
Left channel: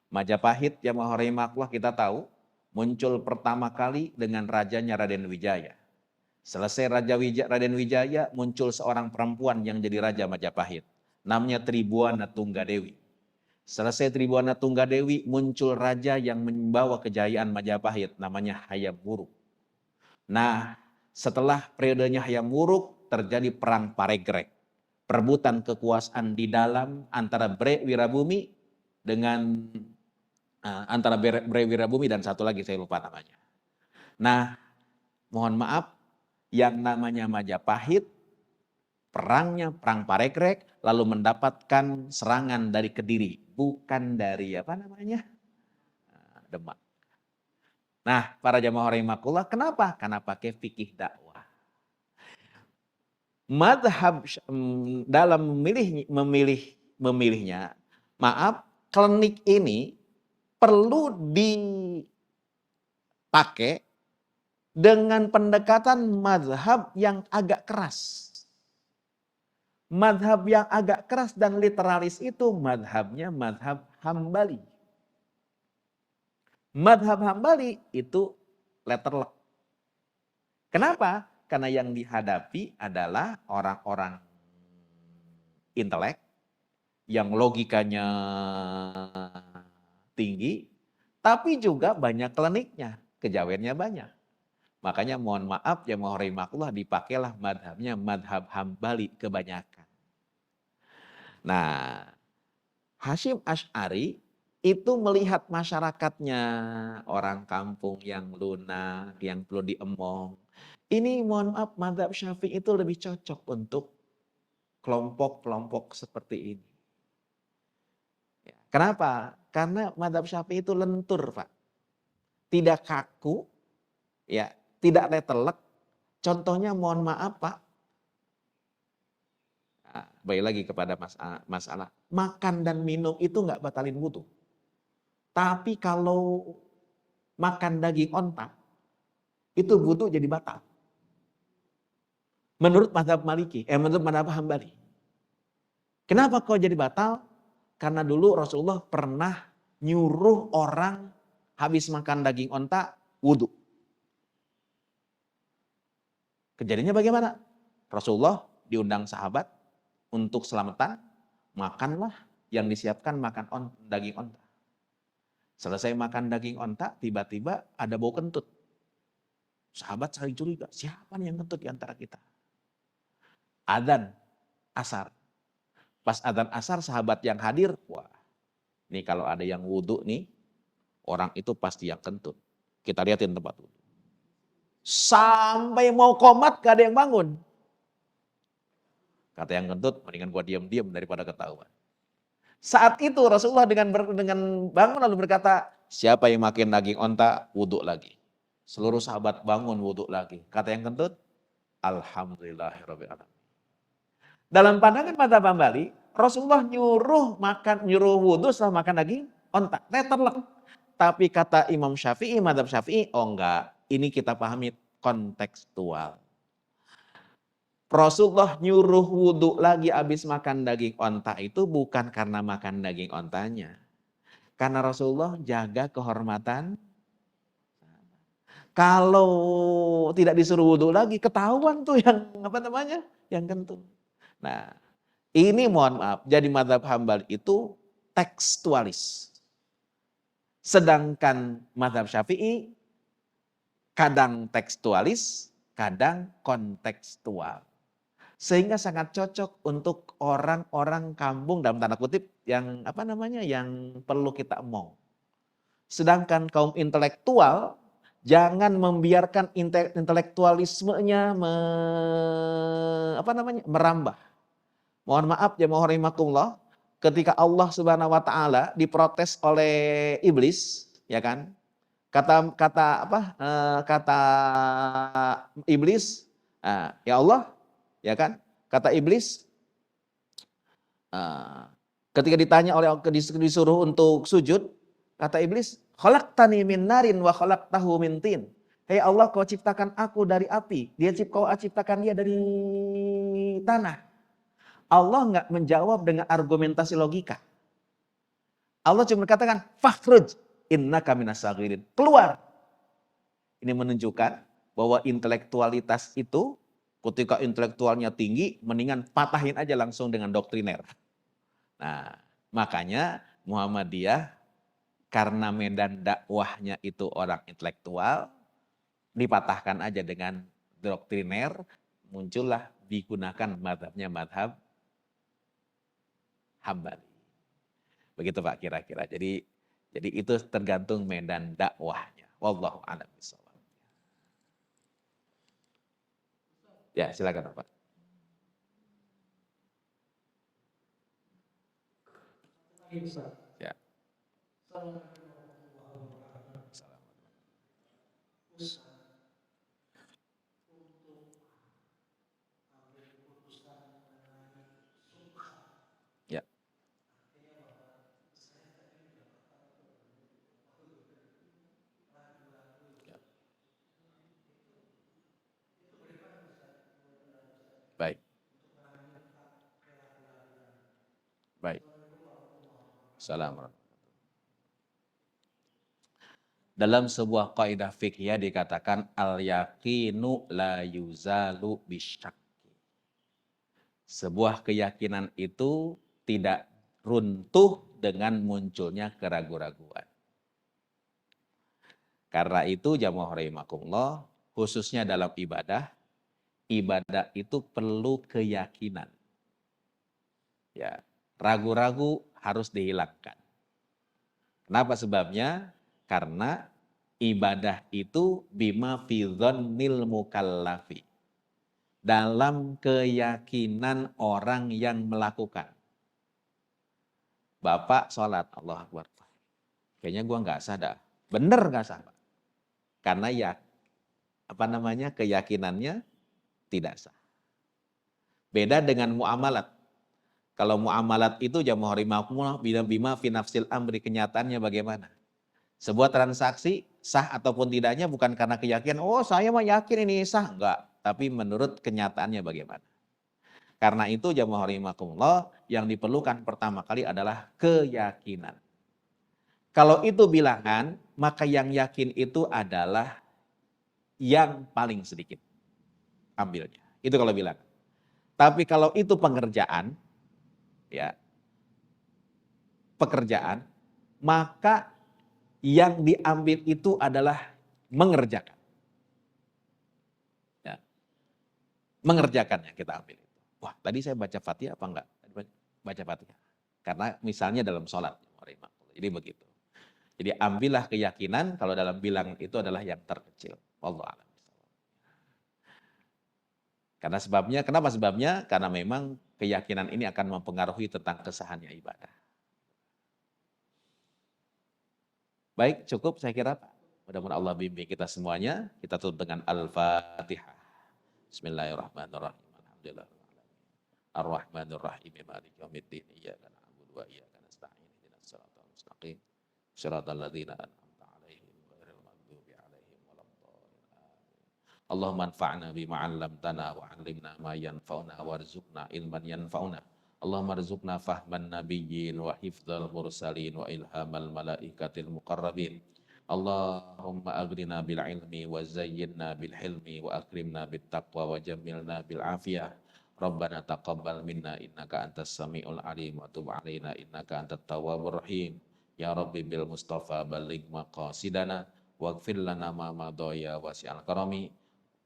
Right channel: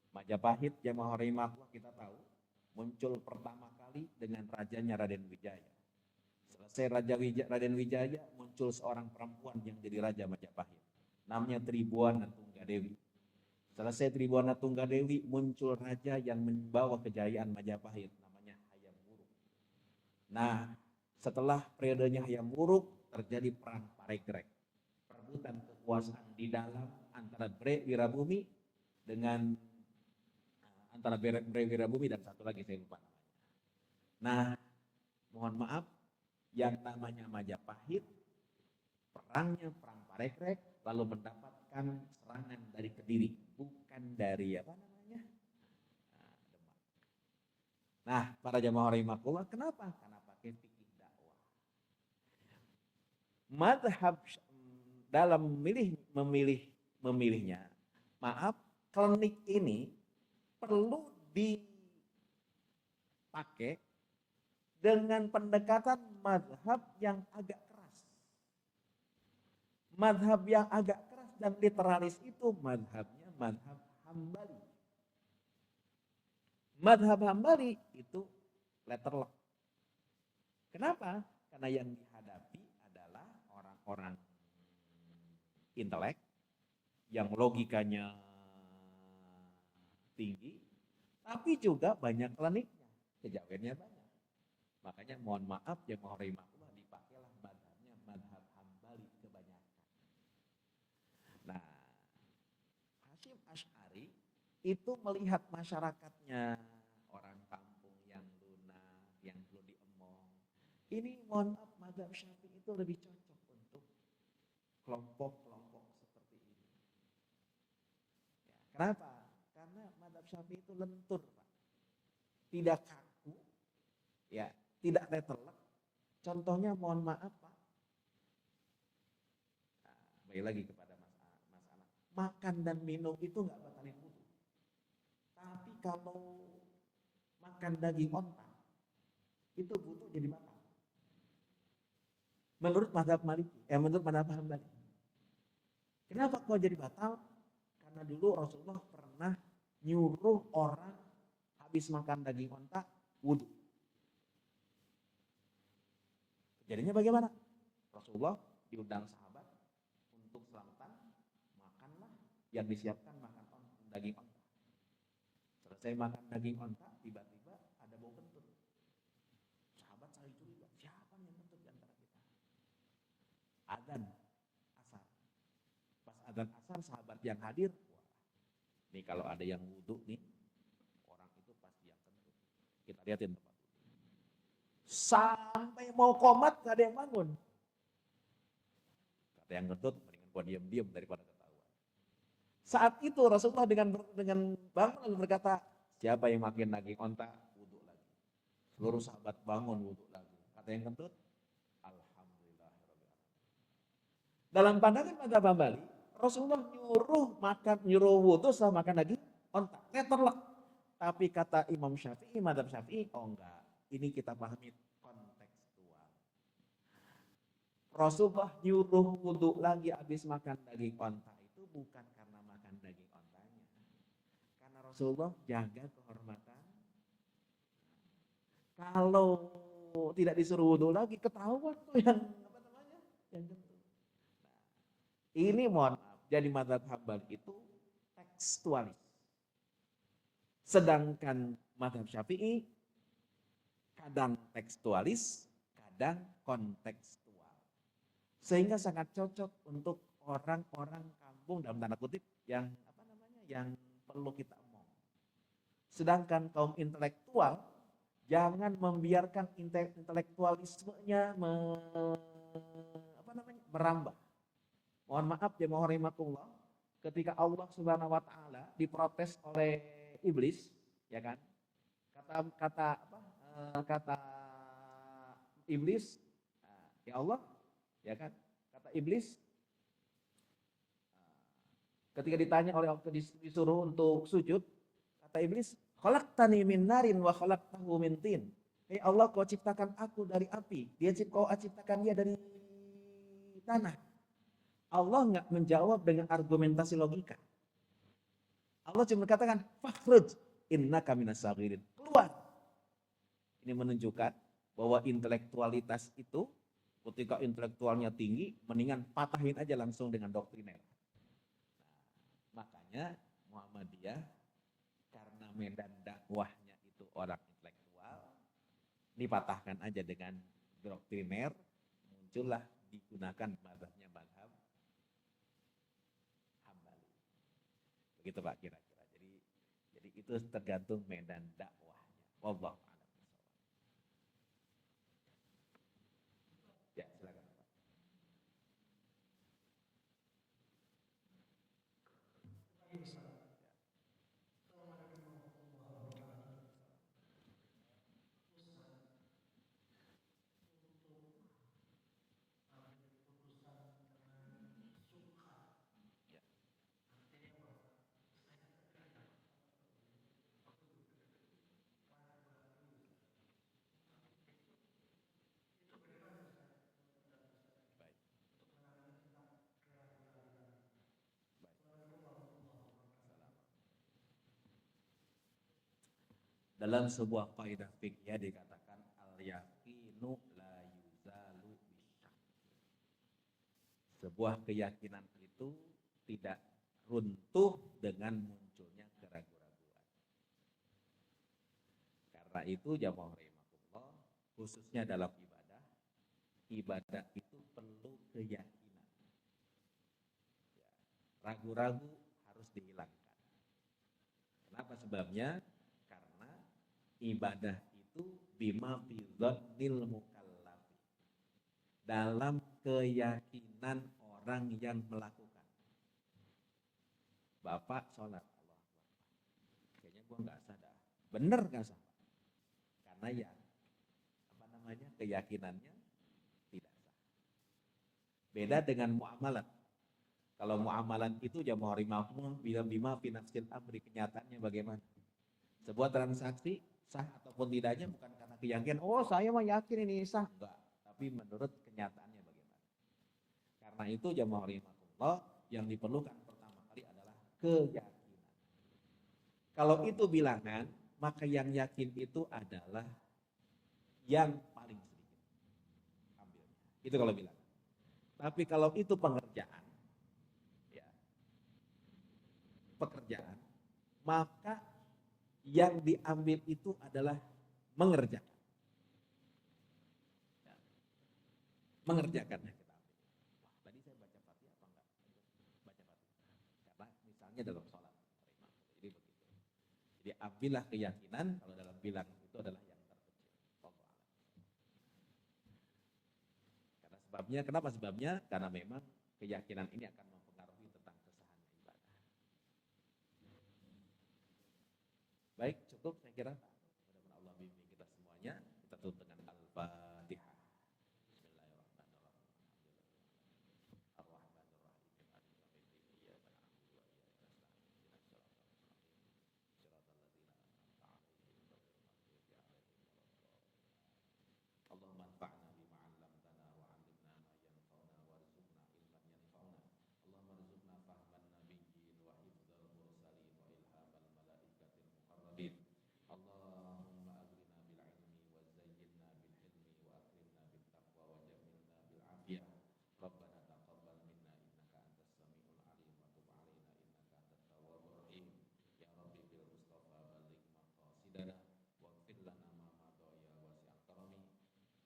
Majapahit jamaah rahimakumullah kita tahu muncul pertama kali dengan rajanya Raden Wijaya. Selesai Raden Wijaya, muncul seorang perempuan yang jadi raja Majapahit. Namanya Tribuana Tunggadewi. Selesai Tribuana Tunggadewi, muncul raja yang membawa kejayaan Majapahit, namanya Hayam Wuruk. Nah, setelah periodenya Hayam Wuruk, terjadi perang Paregrek. Perebutan kekuasaan di dalam antara Bre Wirabumi dengan antara Bre Wirabumi dan satu lagi saya lupa namanya. Nah, mohon maaf, yang namanya Majapahit, perangnya perang Paregrek, lalu mendapatkan serangan dari Kediri, bukan dari Demak. Nah, para jamaah rahimakumullah, kenapa? Karena pakai fikih dakwah. Madhab dalam memilihnya, maaf, klinik ini perlu dipakai dengan pendekatan madhab yang agak keras. Madhab yang agak keras dan literalis itu madhabnya madhab Hambali. Madhab Hambali itu letterlek. Kenapa? Karena yang dihadapi adalah orang-orang intelek yang logikanya tinggi, tapi juga banyak kliniknya, kejawennya banyak. Makanya mohon maaf ya mohon rahimakumullah, dipakailah madhabnya madhab Hambali kebanyakan. Nah, Hasyim Asy'ari itu melihat masyarakatnya, orang kampung yang lunak, yang perlu diemong. Ini mohon maaf, madhab Syafi'i itu lebih cocok untuk kelompok-kelompok seperti ini. Kenapa? Karena madhab Syafi'i itu lentur, Pak. Tidak kaku, ya, tidak letterlek. Contohnya mohon maaf, Pak. Baik lagi kepada masalah. Makan dan minum itu nggak batalin wudu. Tapi kalau makan daging onta, itu wudu jadi batal. Menurut madhab Maliki, menurut madhab Hambali. Kenapa kok jadi batal? Karena dulu Rasulullah pernah nyuruh orang habis makan daging onta wudu. Kejadiannya bagaimana? Rasulullah diundang sahabat untuk selamatan, makanlah yang disiapkan makan daging onta. Selesai makan daging onta, tiba-tiba ada bau kentut. Sahabat saling curiga, siapa nih yang kentut di antara kita? Adzan asar. Pas adzan asar, sahabat yang hadir, wah, nih kalau ada yang wudhu nih, orang itu pasti yang kentut. Kita lihatin tempat wudhu. Sampai mau komat gak ada yang bangun. Kata yang kentut, mendingan gua diam-diam daripada ketahuan. Saat itu Rasulullah dengan bangun lalu berkata, siapa yang makan daging onta, wudhu lagi. Seluruh sahabat bangun wudhu lagi. Kata yang kentut, alhamdulillahirabbil alamin. Dalam pandangan madhab Hambali, Rasulullah nyuruh wudhu setelah makan daging onta. Letterlek. Tapi kata Imam Syafi'i, madhab Syafi'i, oh enggak. Ini kita pahami kontekstual. Rasulullah nyuruh wudhu lagi habis makan daging onta itu bukan karena makan daging ontanya. Karena Rasulullah jaga kehormatan. Kalau tidak disuruh wudhu lagi, ketahuan tuh yang kentut. Nah, ini mohon maaf, jadi madhab Hambali itu tekstualis. Sedangkan madhab Syafi'i kadang tekstualis, kadang kontekstual. Sehingga sangat cocok untuk orang-orang kampung dalam tanda kutip yang yang perlu kita emong. Sedangkan kaum intelektual jangan membiarkan intelektualismenya merambah. Mohon maaf ya mohon rahimakumullah, ketika Allah Subhanahu wa taala diprotes oleh iblis, ya kan? Kata iblis, ya Allah, ya kan? Kata iblis, ketika ditanya disuruh untuk sujud, kata iblis, khalaqtani min narin wa khalaqtahu min tin. Hei Allah, kau ciptakan aku dari api, kau ciptakan dia dari tanah. Allah nggak menjawab dengan argumentasi logika. Allah cuma katakan, fakhruj innaka minas saghirin. Keluar. Ini menunjukkan bahwa intelektualitas itu ketika intelektualnya tinggi, mendingan patahin aja langsung dengan doktriner. Nah, makanya Muhammadiyah karena medan dakwahnya itu orang intelektual, dipatahkan aja dengan doktriner, muncullah digunakan madhabnya madhab Hambali. Begitu Pak kira-kira. Jadi itu tergantung medan dakwahnya. Wallahu a'lam bishawab. Ya, silakan Pak. Ya. Ya. Baik. Baik. Assalamualaikum. Dalam sebuah kaidah fikih dikatakan al-yaqinu la yuzalu bisyak. Sebuah keyakinan itu tidak runtuh dengan munculnya keraguan-raguan. Karena itu jamaah rahimakumullah, khususnya dalam ibadah itu perlu keyakinan. Ya, ragu-ragu harus dihilangkan. Kenapa sebabnya? Karena ibadah itu bima fi dhannil mukallafi. Dalam keyakinan orang yang melakukan. Bapak sholat, Allah Akbar. Kayaknya gua nggak sah dah. Bener nggak sah, Pak? Karena ya, keyakinannya tidak sah. Beda dengan muamalat. Kalau muamalat itu jamaah rahimakumullah bima fi nafsil amri, kenyataannya bagaimana? Sebuah transaksi sah ataupun tidaknya bukan karena keyakinan, oh saya mah yakin ini sah, enggak. Tapi menurut kenyataannya bagaimana. Karena itu jamaah rahimakumullah yang diperlukan pertama kali adalah keyakinan. Kalau itu bilangan, maka yang yakin itu adalah yang paling sedikit. Ambilnya. Itu kalau bilangan. Tapi kalau itu pengerjaan, ya, pekerjaan, maka yang diambil itu adalah mengerjakan. Ya. Mengerjakannya kita ambil. Wah, tadi saya baca Fatihah apa enggak? Baca Fatihah. Karena misalnya dalam sholat. Jadi begitu. Jadi ambillah keyakinan kalau dalam bilangan itu adalah yang terkecil. Wallahu a'lam. Karena sebabnya, kenapa sebabnya? Karena memang keyakinan ini akan mempengaruhi tentang kesahannya ibadah. Baik, cukup saya kira Pak. Mudah-mudahan Allah bimbing kita semuanya. Kita tutup dengan Al-Fatihah. Bismillahirrahmanirrahim. Alhamdulillah. Ar-Rahmanir-Rahim. Maliki yaumiddin. Iyyaka na'budu wa iyyaka nasta'in. Ihdinas siratal mustaqim. Siratal ladzina an'amta 'alaihim ghairil maghdubi 'alaihim waladdallin. Allahumma anfa'na bima 'allamtana wa 'allimna ma yanfa'una warzuqna ilman yanfa'una. Allahumma rzuqna fahman nabiyyin wa hifdzal mursalin wa ilhamal malaikatil muqarrabin. Allahumma aghnina bil ilmi wa zayyinna bil hilmi wa akrimna bit taqwa wa jammilna bil afiyah. Rabbana taqabbal minna innaka antas samiul alim wa tub alaina innaka antat tawwabur rahim. Ya Rabbi bil Mustafa balligh maqasidana waghfir lana ma madaya wasi'al karami.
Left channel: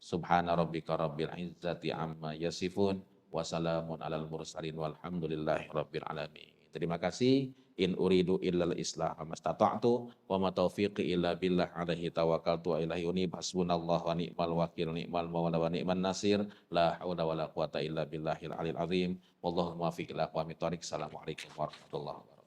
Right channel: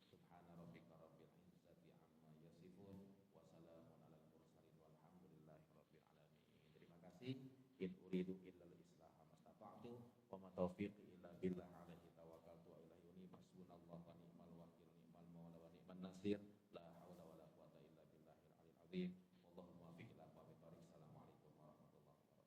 Subhana rabbika rabbil izzati amma yasifun. Wassalamun alal mursalin walhamdulillahi rabbil alamin. Terima kasih. In uridu illal islah mastata'tu wa ma taufiqi illa billah alaihi tawakkaltu wa ilaihi unib. Hasbunallahu wa ni'mal wakil, ni'mal mawla wa ni'man nasir. La haula wa la quwata illa billahil alil azim. Wallahu muwaffiq ila aqwamit thoriq. Assalamualaikum warahmatullahi wabarakatuh.